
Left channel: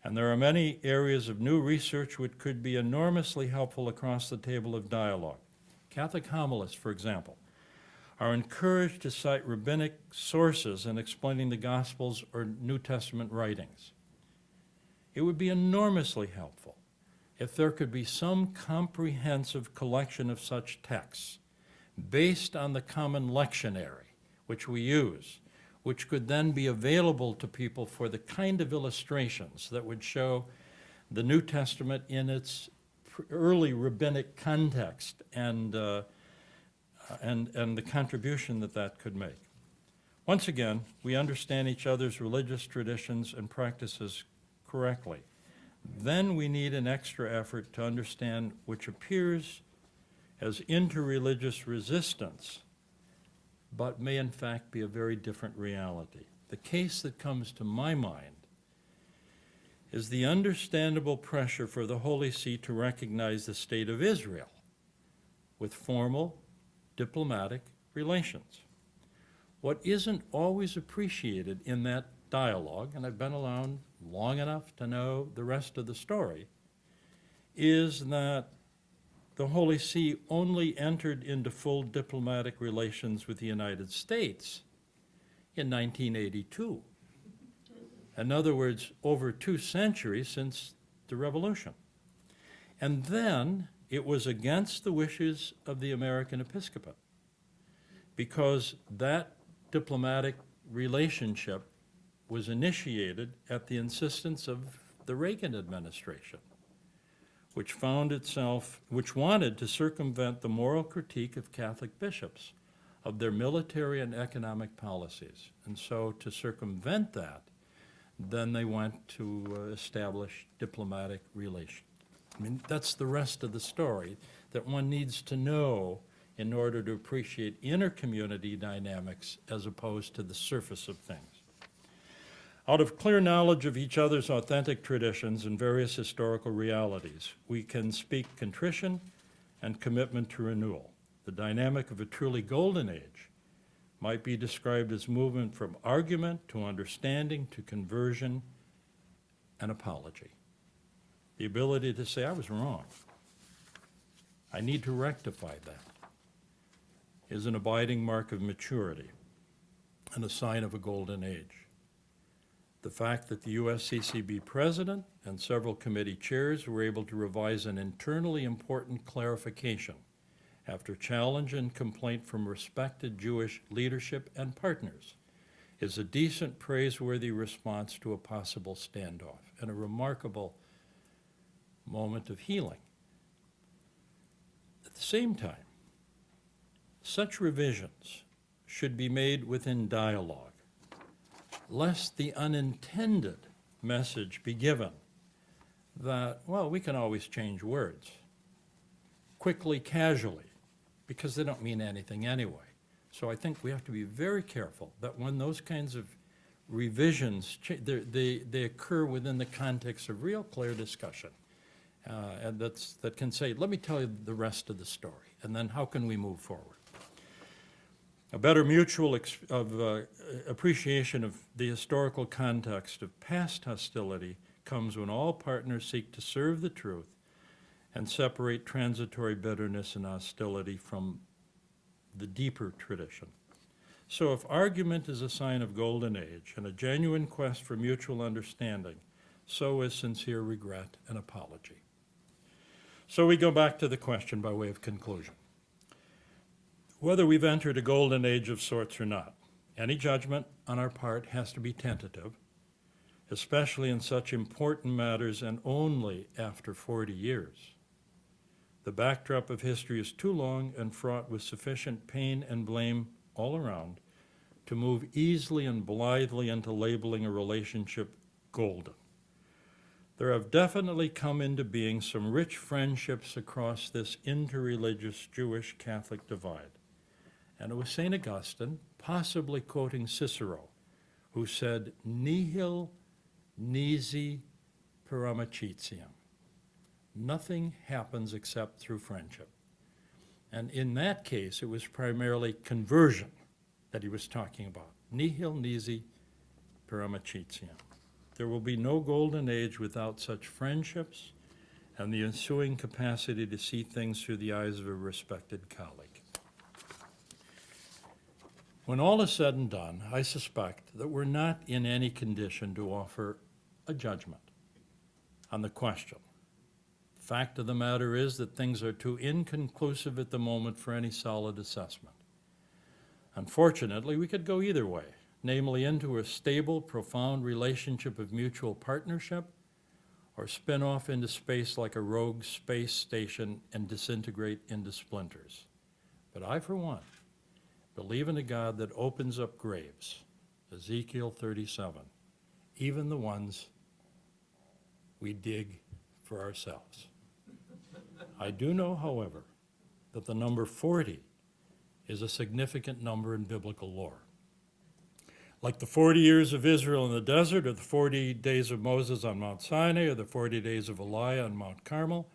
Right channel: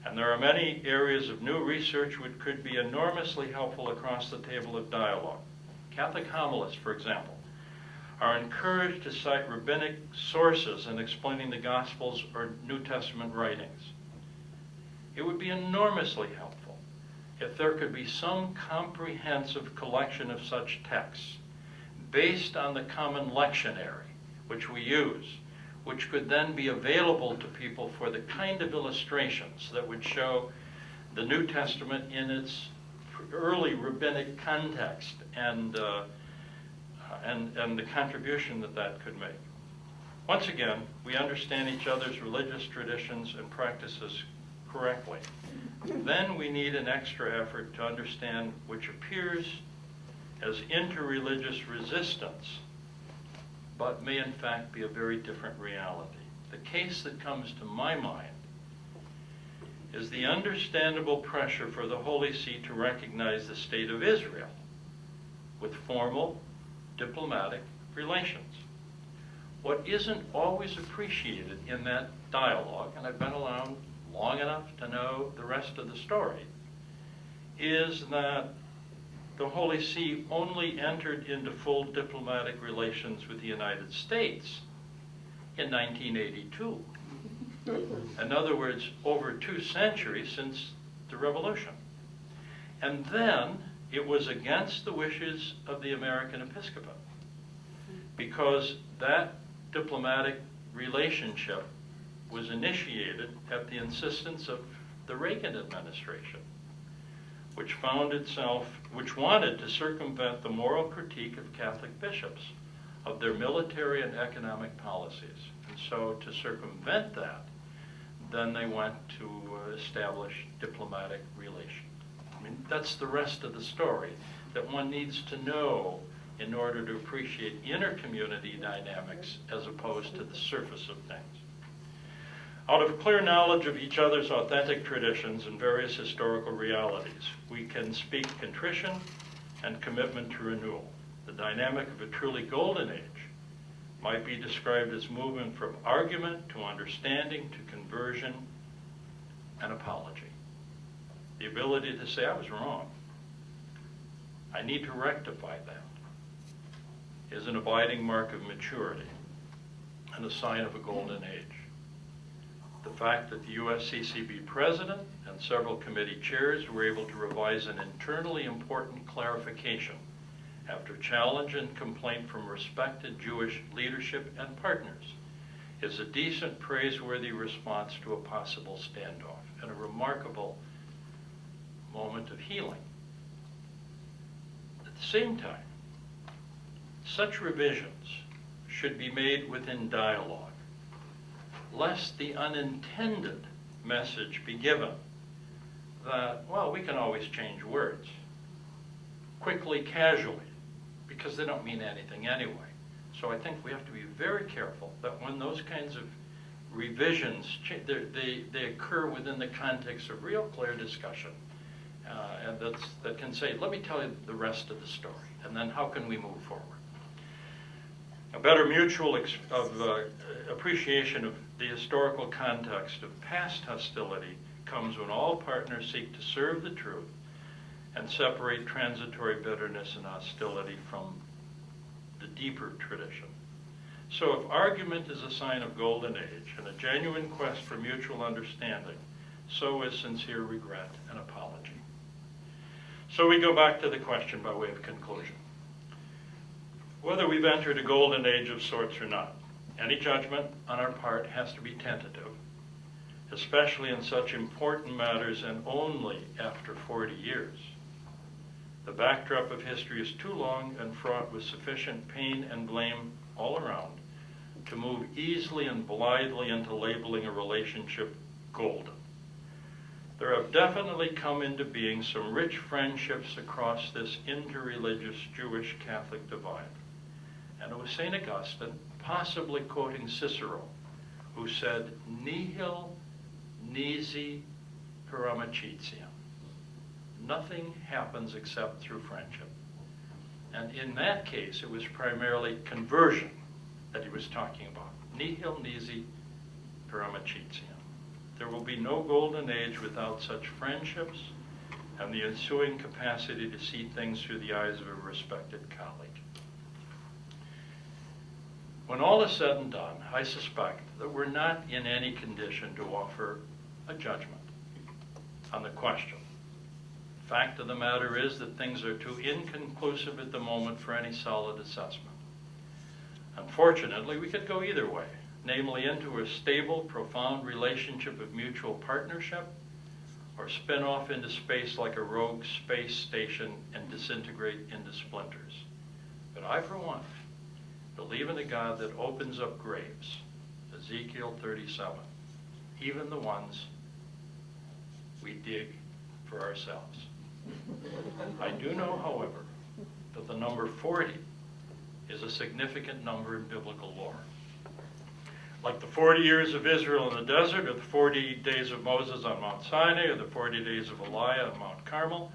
And there are many areas of new research which could be enormously helpful across the table of dialogue. Catholic homilists, for example, are encouraged to cite rabbinic sources in explaining the Gospels or New Testament writings. It would be enormously helpful if there could be some comprehensive collection of such texts based on the common lectionary which we use, which could then be available to people for the kind of illustrations that would show the New Testament in its early rabbinic context and the contribution that that could make. Once again, we understand each other's religious traditions and practices correctly. Then we need an extra effort to understand which appears as interreligious resistance, but may in fact be a very different reality. The case that comes to my mind is the understandable pressure for the Holy See to recognize the state of Israel with formal diplomatic relations. What isn't always appreciated in that dialogue, and I've been around long enough to know the rest of the story, is that the Holy See only entered into full diplomatic relations with the United States in 1982. In other words, over 2 centuries since the Revolution. And then it was against the wishes of the American episcopate, because that diplomatic relationship was initiated at the insistence of the Reagan administration, which wanted to circumvent the moral critique of Catholic bishops of their military and economic policies. And so to circumvent that, then they went to establish diplomatic relations. I mean, that's the rest of the story that one needs to know in order to appreciate inter-community dynamics as opposed to the surface of things. Out of clear knowledge of each other's authentic traditions and various historical realities, we can speak contrition and commitment to renewal. The dynamic of a truly golden age might be described as movement from argument to understanding to conversion and apology. the ability to say, I was wrong. I need to rectify that, is an abiding mark of maturity and a sign of a golden age. The fact that the USCCB president and several committee chairs were able to revise an internally important clarification after challenge and complaint from respected Jewish leadership and partners is a decent, praiseworthy response to a possible standoff and a remarkable moment of healing. At the same time, such revisions should be made within dialogue, lest the unintended message be given that, well, we can always change words quickly, casually, because they don't mean anything anyway. So I think we have to be very careful that when those kinds of revisions, they occur within the context of real clear discussion. And that can say, let me tell you the rest of the story, and then how can we move forward? A better mutual appreciation of the historical context of past hostility comes when all partners seek to serve the truth and separate transitory bitterness and hostility from the deeper tradition. So if argument is a sign of golden age and a genuine quest for mutual understanding, so is sincere regret and apology. So we go back to the question by way of conclusion. Whether we've entered a golden age of sorts or not, any judgment on our part has to be tentative, especially in such important matters and only after 40 years. The backdrop of history is too long and fraught with sufficient pain and blame all around to move easily and blithely into labeling a relationship golden. There have definitely come into being some rich friendships across this interreligious Jewish-Catholic divide. And it was St. Augustine, possibly quoting Cicero, who said, nihil nisi per amicitiam. Nothing happens except through friendship. And in that case, it was primarily conversion that he was talking about. Nihil nisi per amicitiam. There will be no golden age without such friendships and the ensuing capacity to see things through the eyes of a respected colleague. When all is said and done, I suspect that we're not in any condition to offer a judgment on the question. The fact of the matter is that things are too inconclusive at the moment for any solid assessment. Unfortunately, we could go either way, namely into a stable, profound relationship of mutual partnership, or spin off into space like a rogue space station and disintegrate into splinters. But I, for one, believe in a God that opens up graves, Ezekiel 37, even the ones we dig for ourselves. I do know, however, that the number 40 is a significant number in biblical lore. Like the 40 years of Israel in the desert, or the 40 days of Moses on Mount Sinai, or the 40 days of Elijah on Mount Carmel,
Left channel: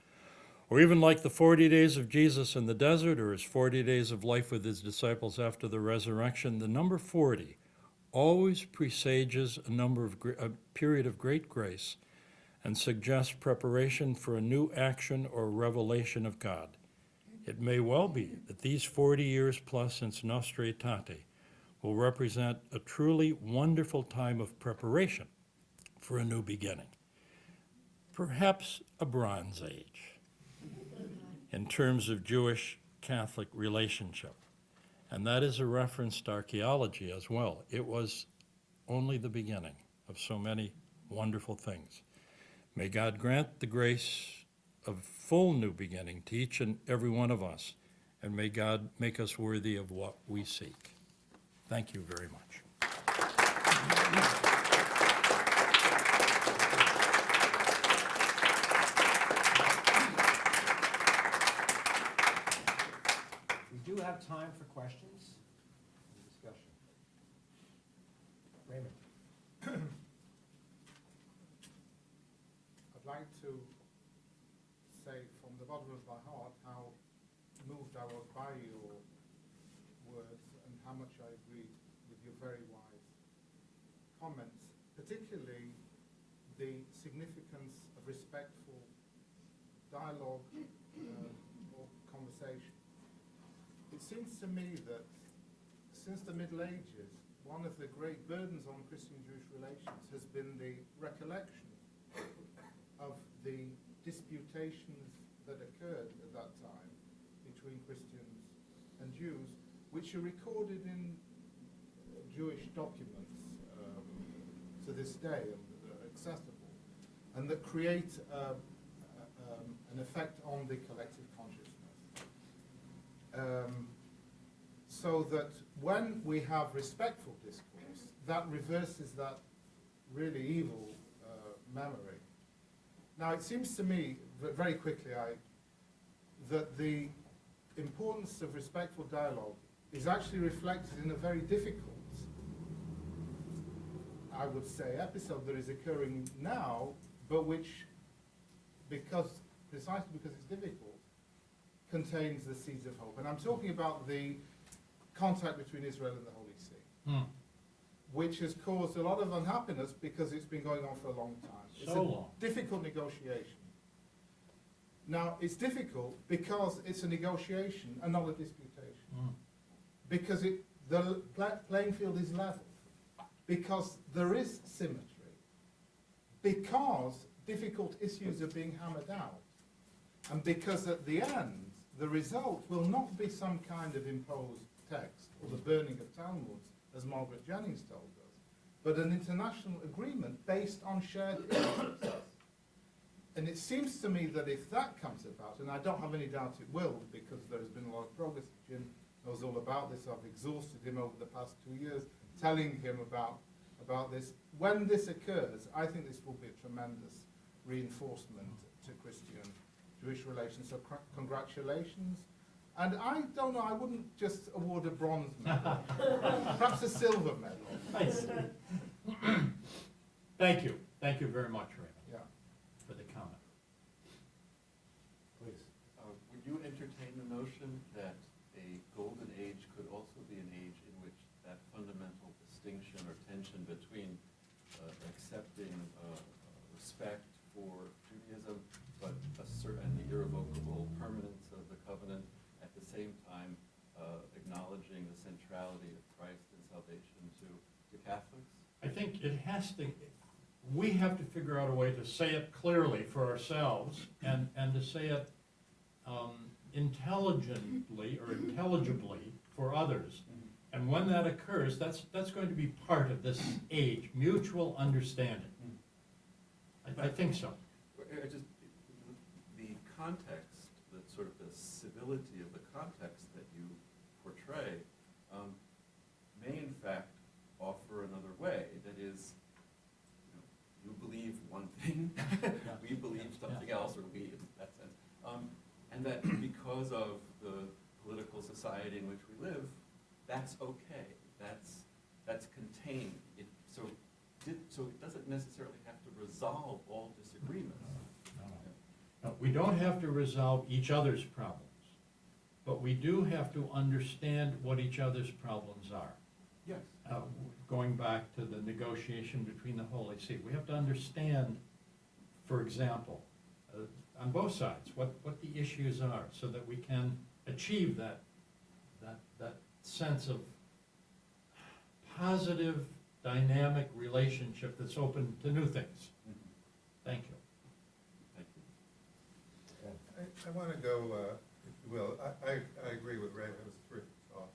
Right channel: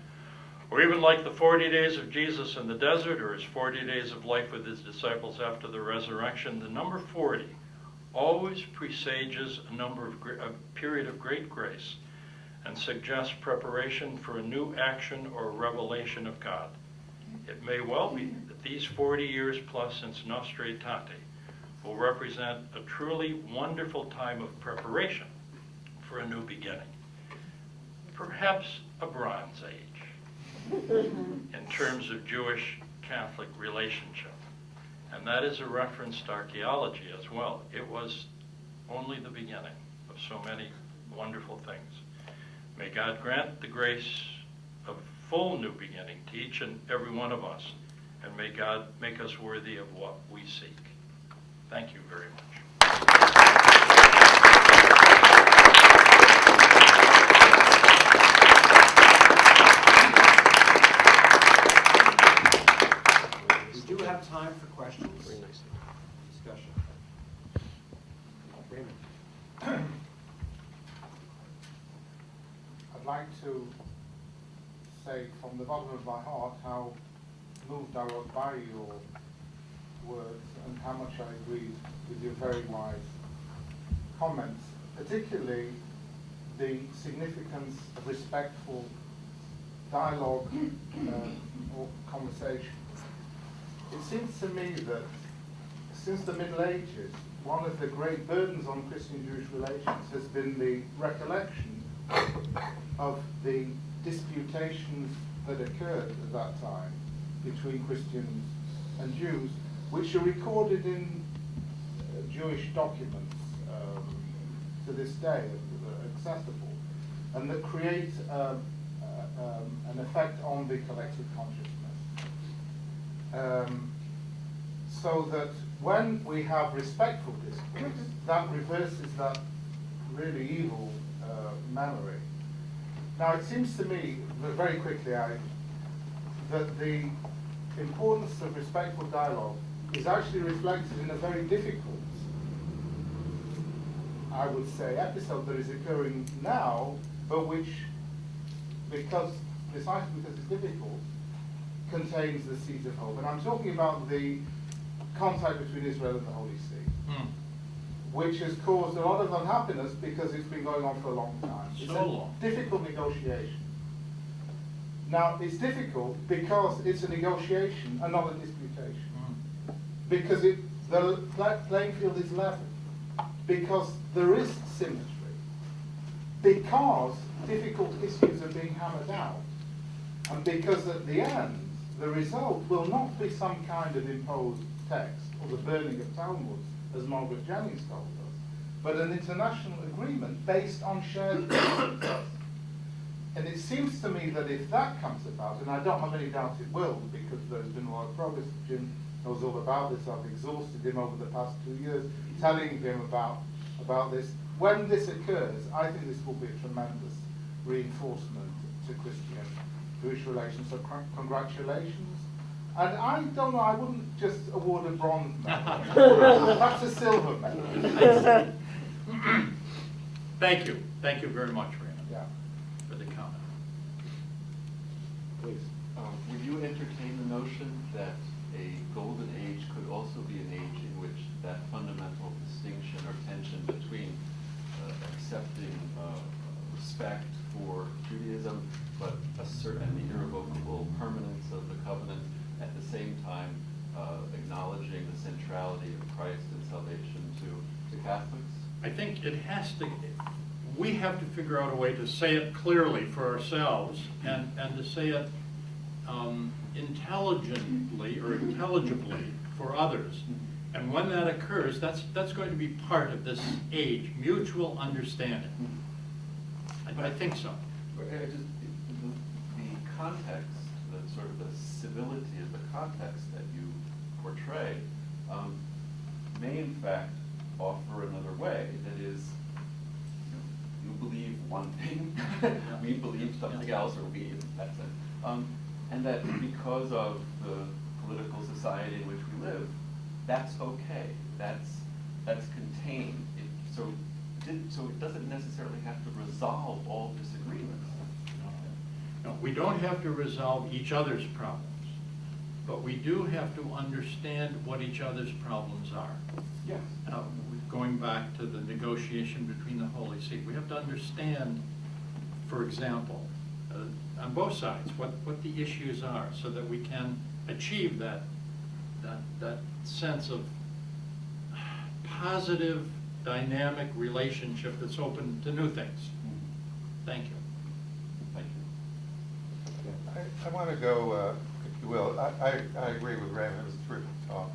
or even like the 40 days of Jesus in the desert, or his 40 days of life with his disciples after the resurrection, the number 40 always presages a period of great grace and suggests preparation for a new action or revelation of God. It may well be that these 40 years plus since Nostra Aetate will represent a truly wonderful time of preparation for a new beginning. Perhaps a Bronze Age in terms of Jewish-Catholic relationship. And that is a reference to archaeology as well. It was only the beginning of so many wonderful things. May God grant the grace of full new beginning to each and every one of us, and may God make us worthy of what we seek. Thank you very much. We do have time for questions. Discussion. Raymond. I'd like to say from the bottom of my heart how moved I was by your words and how much I agree with your very wise comments, particularly the significance of respectful dialogue or conversation. It seems to me that since the Middle Ages, one of the great burdens on Christian-Jewish relations has been the recollection of the disputations that occurred at that time between Christians and Jews, which are recorded in Jewish documents to this day, that are accessible, and that create an effect on the collective consciousness. So that when we have respectful discourse, that reverses that really evil memory. Now, it seems to me, very quickly, that the importance of respectful dialogue is actually reflected in a very difficult, I would say, episode that is occurring now, but which, precisely because it's difficult, contains the seeds of hope. And I'm talking about the contact between Israel and the Holy See, which has caused a lot of unhappiness because it's been going on for a long time. It's So long. a difficult negotiation. Now, it's difficult because it's a negotiation and not a disputation. Because the playing field is level. Because there is symmetry. Because difficult issues are being hammered out. And because at the end, the result will not be some kind of imposed text or the burning of Talmuds, as Margaret Jennings told us, but an international agreement based on shared principles. And it seems to me that if that comes about, and I don't have any doubt it will, because there's been a lot of progress, Jim knows all about this, I've exhausted him over the past 2 years, telling him about this. When this occurs, I think this will be a tremendous reinforcement to Christian-Jewish relations, so congratulations. And I don't know, I wouldn't just award a bronze medal, perhaps a silver medal. Thank you. Thank you very much, Raymond, Yeah. for the comment. Please. Would you entertain the notion that a golden age could also be an age in which that fundamental distinction or tension between accepting respect for Judaism, but a certain irrevocable permanence of the covenant, at the same time acknowledging the centrality of Christ and salvation to Catholics? I think it has to, we have to figure out a way to say it clearly for ourselves and to say it intelligently or intelligibly for others. And when that occurs, that's going to be part of this age, mutual understanding. I think so. The context, the sort of the civility of the context that you portray, may in fact offer another way. That is, you believe one thing, we believe something else, or we in that sense. And that because of the political society in which we live, that's okay. That's contained. So it doesn't necessarily have to resolve all disagreements. No, we don't have to resolve each other's problems, but we do have to understand what each other's problems are. Yes. Going back to the negotiation between the Holy See, we have to understand, for example, on both sides, what the issues are, so that we can achieve that sense of positive, dynamic relationship that's open to new things. Thank you. Thank you. I want to go, if you will, I agree with Raymond, it was a terrific talk.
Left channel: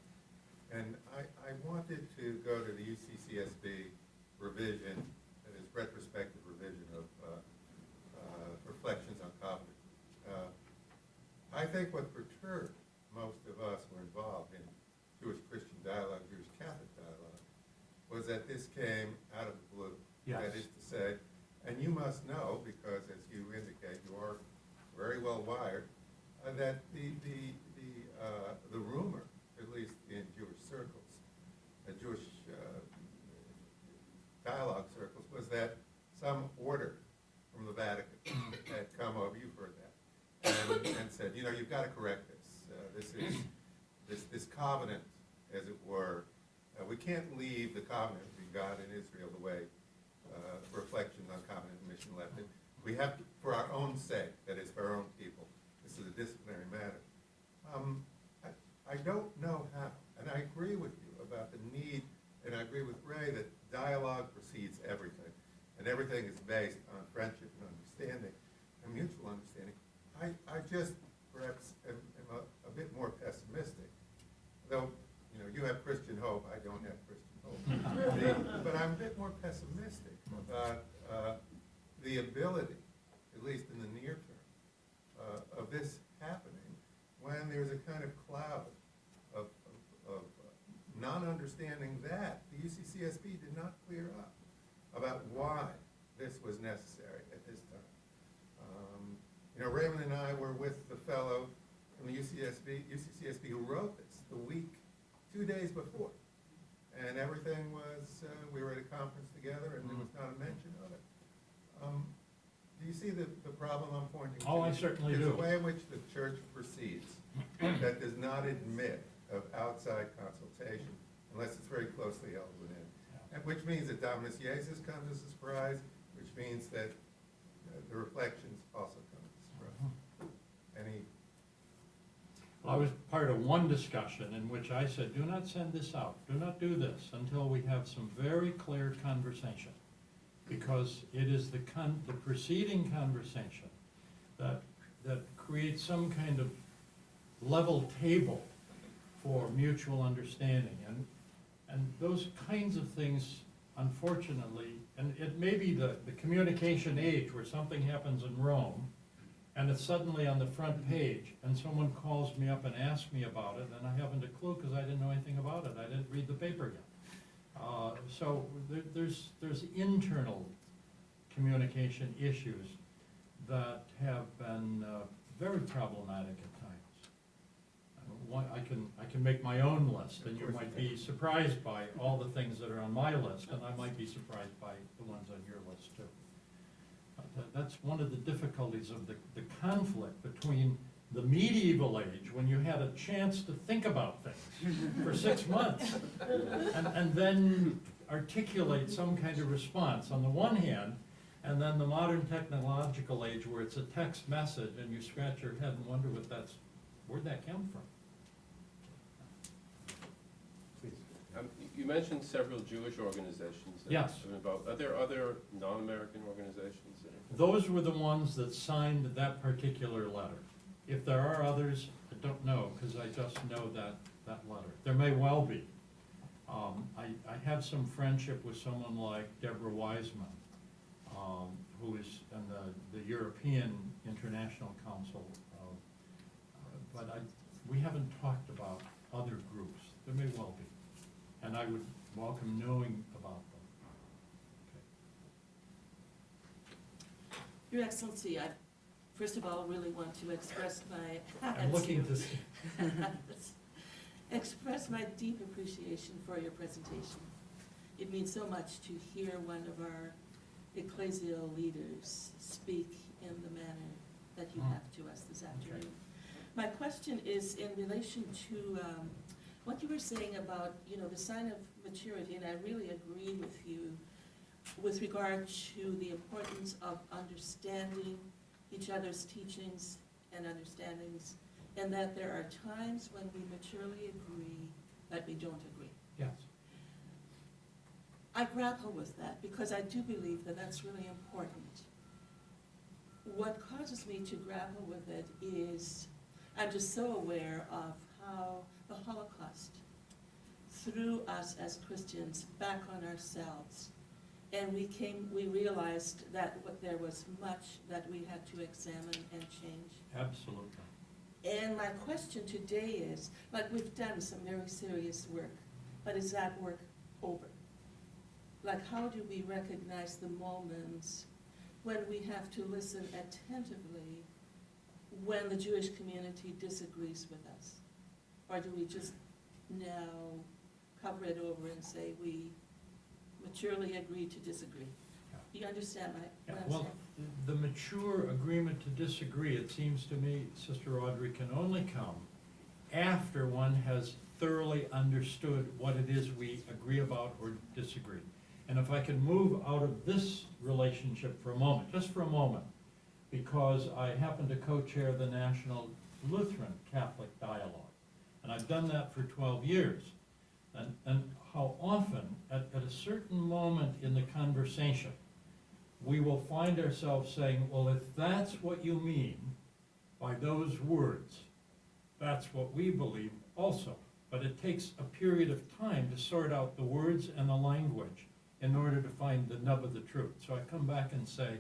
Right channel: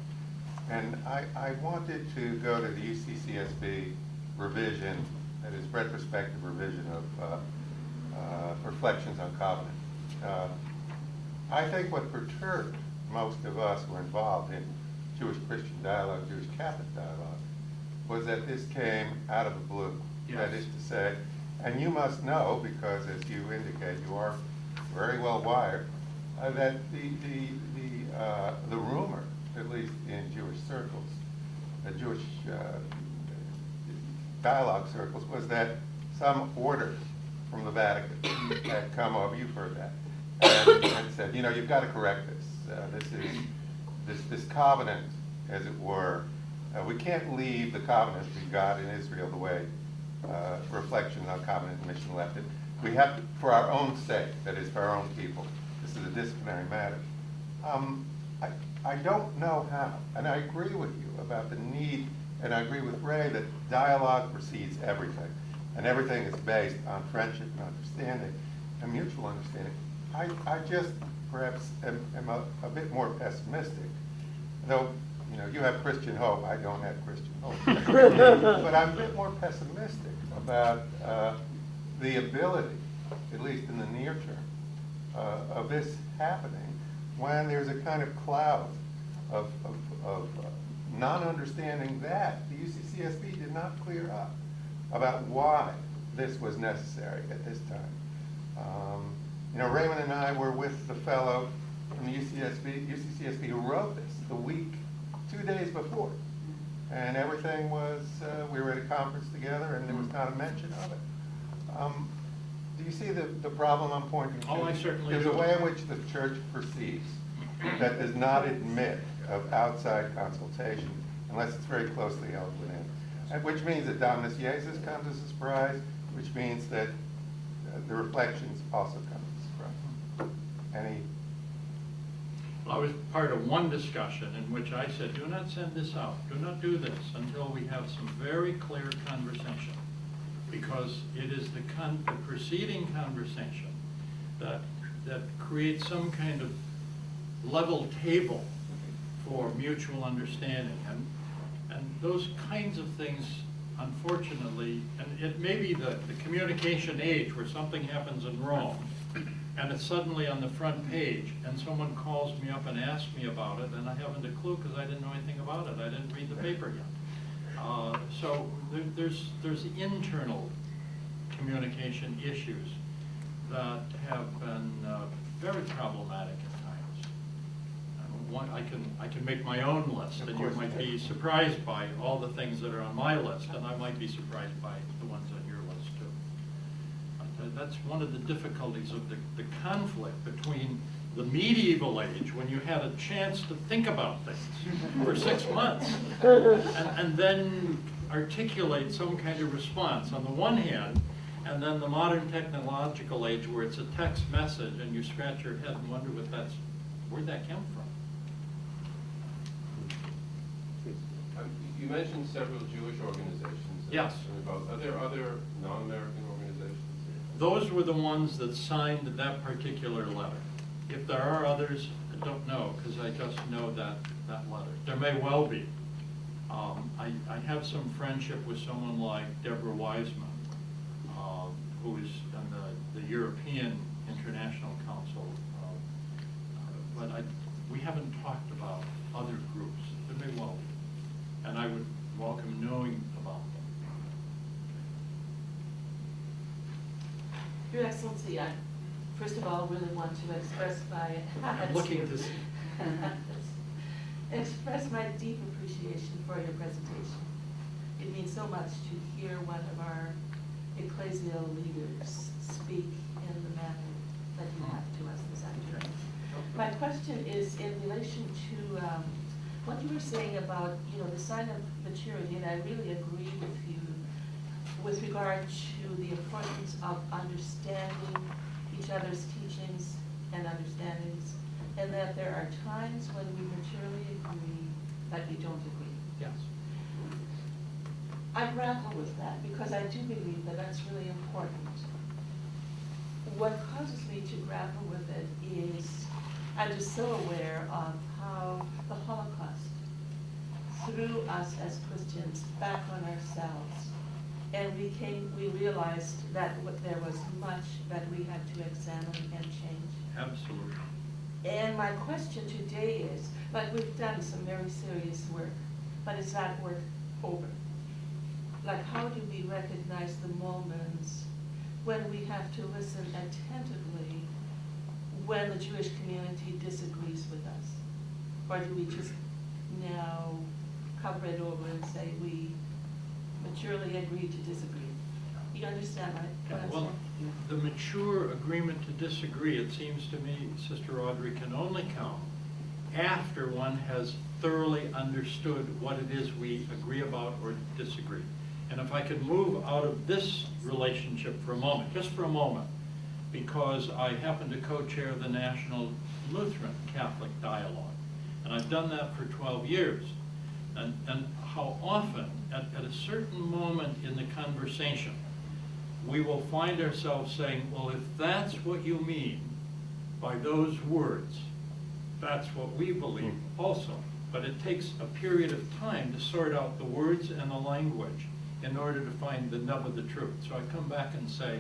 And I wanted to go to the UCCSB revision, that is retrospective revision of Reflections on Covenant. I think what perturbed most of us who were involved in Jewish-Christian dialogue, Jewish-Catholic dialogue, was that this came out of the blue. Yes. That is to say, and you must know, because as you indicate, you are very well wired, that the rumor, at least in Jewish circles, Jewish dialogue circles, was that some order from the Vatican had come over, you've heard that, and said, you know, you've got to correct this. This covenant, as it were, we can't leave the covenant we got in Israel the way reflection on covenant and mission left it. We have, to, for our own sake, that is, for our own people, this is a disciplinary matter. I don't know how, and I agree with you about the need, and I agree with Ray that dialogue precedes everything, and everything is based on friendship and understanding and mutual understanding. I just perhaps am a bit more pessimistic, though, you know, you have Christian hope, I don't have Christian hope. But I'm a bit more pessimistic about the ability, at least in the near term, of this happening when there's a kind of cloud of non-understanding that the UCCSB did not clear up about why this was necessary at this time. You know, Raymond and I were with the fellow from the UCCSB who wrote this the week, 2 days before. And everything was, we were at a conference together and there was not a mention of it. Do you see the problem I'm pointing to? Oh, I certainly There's do. a way in which the church perceives that does not admit of outside consultation unless it's very closely held within. And which means that Dominus Jesus comes as a surprise, which means that the reflections also come as a surprise. Any? I was part of one discussion in which I said, do not send this out, do not do this until we have some very clear conversation. Because it is the preceding conversation that creates some kind of level table for mutual understanding. And those kinds of things, unfortunately, and it may be the communication age where something happens in Rome, and it's suddenly on the front page, and someone calls me up and asks me about it, and I haven't a clue because I didn't know anything about it. I didn't read the paper yet. So there's internal communication issues that have been very problematic at times. I can make my own list, and you might be surprised by all the things that are on my list, and I might be surprised by the ones on your list too. That's one of the difficulties of the conflict between the medieval age, when you had a chance to think about things for 6 months, and then articulate some kind of response on the one hand, and then the modern technological age where it's a text message and you scratch your head and wonder where'd that come from? You mentioned several Jewish organizations. Yes. Are there other non-American organizations? Those were the ones that signed that particular letter. If there are others, I don't know, because I just know that letter. There may well be. I have some friendship with someone like Deborah Wiseman, who is on the European International Council, but we haven't talked about other groups. There may well be, and I would welcome knowing about them. Your Excellency, I first of all really want to express my I'm looking to see. express my deep appreciation for your presentation. It means so much to hear one of our ecclesial leaders speak in the manner that you have to us this afternoon. My question is in relation to what you were saying about, the sign of maturity, and I really agree with you with regard to the importance of understanding each other's teachings and understandings, and that there are times when we maturely agree that we don't agree. Yes. I grapple with that because I do believe that that's really important. What causes me to grapple with it is I'm just so aware of how the Holocaust threw us as Christians back on ourselves. And we realized that there was much that we had to examine and change. Absolutely. And my question today is, like, we've done some very serious work, but is that work over? Like, how do we recognize the moments when we have to listen attentively when the Jewish community disagrees with us? Or do we just now cover it over and say we maturely agree to disagree? You understand what I'm Well, saying? the mature agreement to disagree, it seems to me, Sister Audrey, can only come after one has thoroughly understood what it is we agree about or disagree. And if I could move out of this relationship for a moment, just for a moment, because I happen to co-chair the National Lutheran Catholic Dialogue. And I've done that for 12 years. And how often, at a certain moment in the conversation, we will find ourselves saying, well, if that's what you mean by those words, that's what we believe also. But it takes a period of time to sort out the words and the language in order to find the nub of the truth. So I come back and say,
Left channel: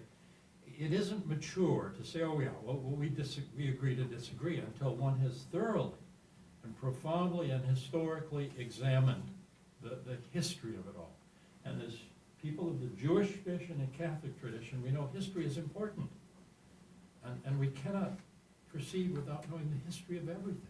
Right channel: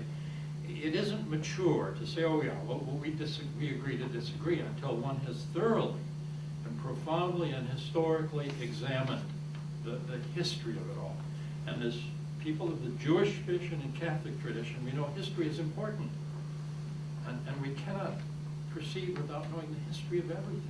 it isn't mature to say, oh yeah, well, we agree to disagree, until one has thoroughly and profoundly and historically examined the history of it all. And as people of the Jewish tradition and Catholic tradition, we know history is important. And we cannot proceed without knowing the history of everything.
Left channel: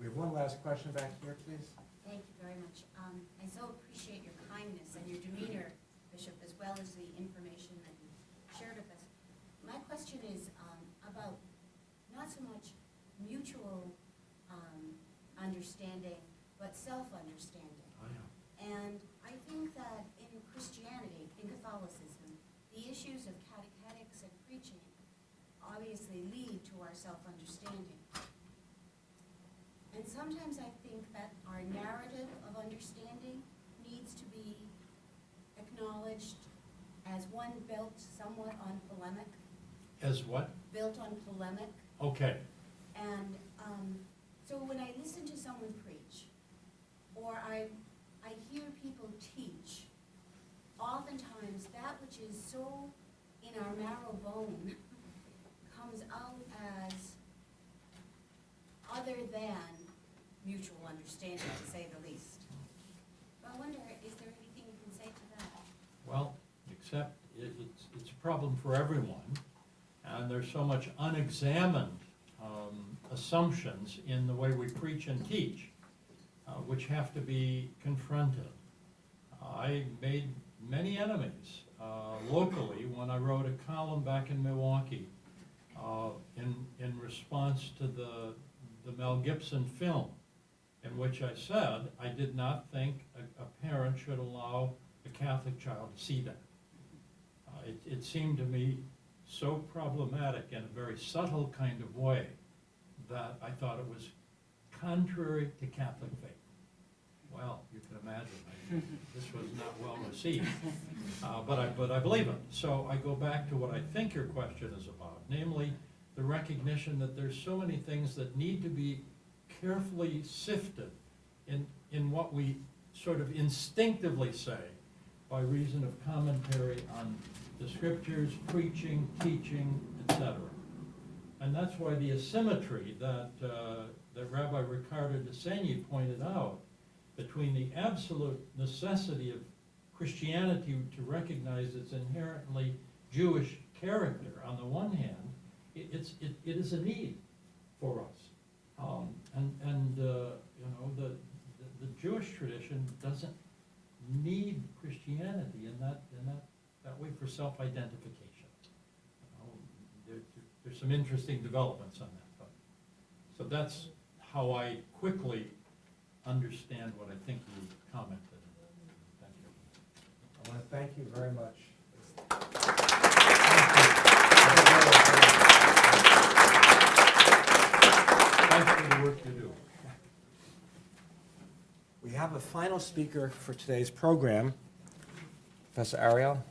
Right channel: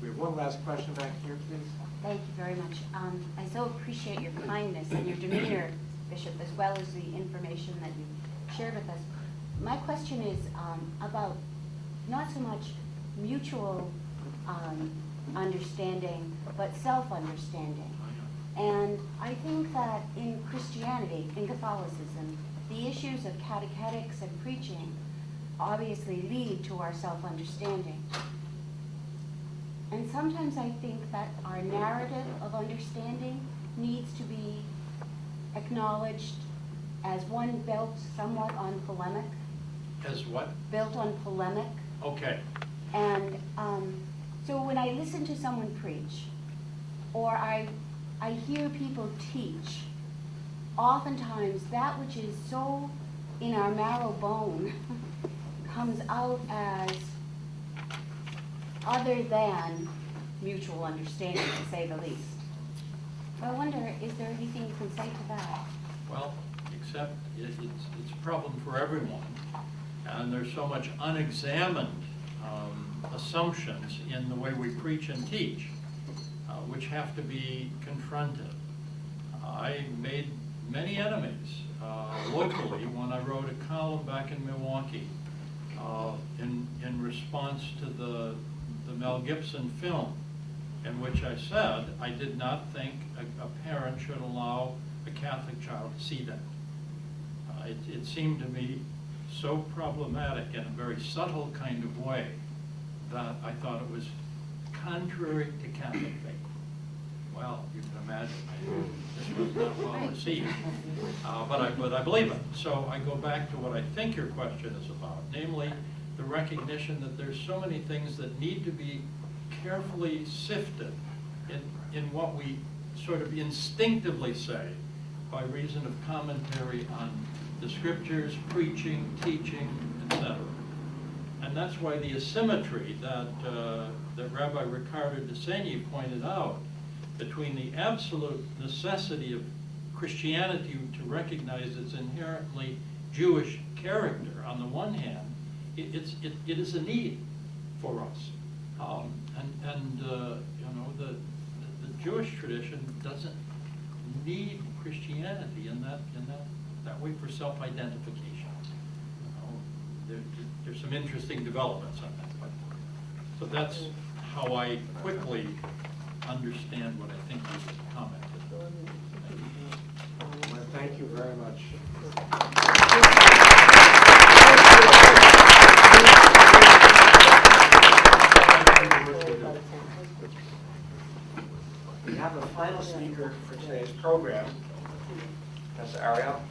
We have one last question back here, please. Thank you very much. I so appreciate your kindness and your demeanor, Bishop, as well as the information that you shared with us. My question is about not so much mutual understanding, but self-understanding. And I think that in Christianity, in Catholicism, the issues of catechetics and preaching obviously lead to our self-understanding. And sometimes I think that our narrative of understanding needs to be acknowledged as one built somewhat on polemic. As what? Built on polemic. Okay. And so when I listen to someone preach, or I hear people teach, oftentimes that which is so in our marrow bone comes out as other than mutual understanding, to say the least. So I wonder, is there anything you can say to that? Well, except it's a problem for everyone. And there's so much unexamined assumptions in the way we preach and teach, which have to be confronted. I made many enemies locally when I wrote a column back in Milwaukee in response to the Mel Gibson film, in which I said I did not think a parent should allow a Catholic child to see that. It seemed to me so problematic in a very subtle kind of way that I thought it was contrary to Catholic faith. Well, you can imagine this was not well received, but I believe it. So I go back to what I think your question is about, namely the recognition that there's so many things that need to be carefully sifted in what we sort of instinctively say by reason of commentary on the scriptures, preaching, teaching, etc. And that's why the asymmetry that Rabbi Ricardo de Seigne pointed out between the absolute necessity of Christianity to recognize its inherently Jewish character on the one hand, it is a need for us. The Jewish tradition doesn't need Christianity in that way for self-identification. There's some interesting developments on that. So that's how I quickly understand what I think you commented. I want to thank you very much. We have a final speaker for today's program, Professor Ariel.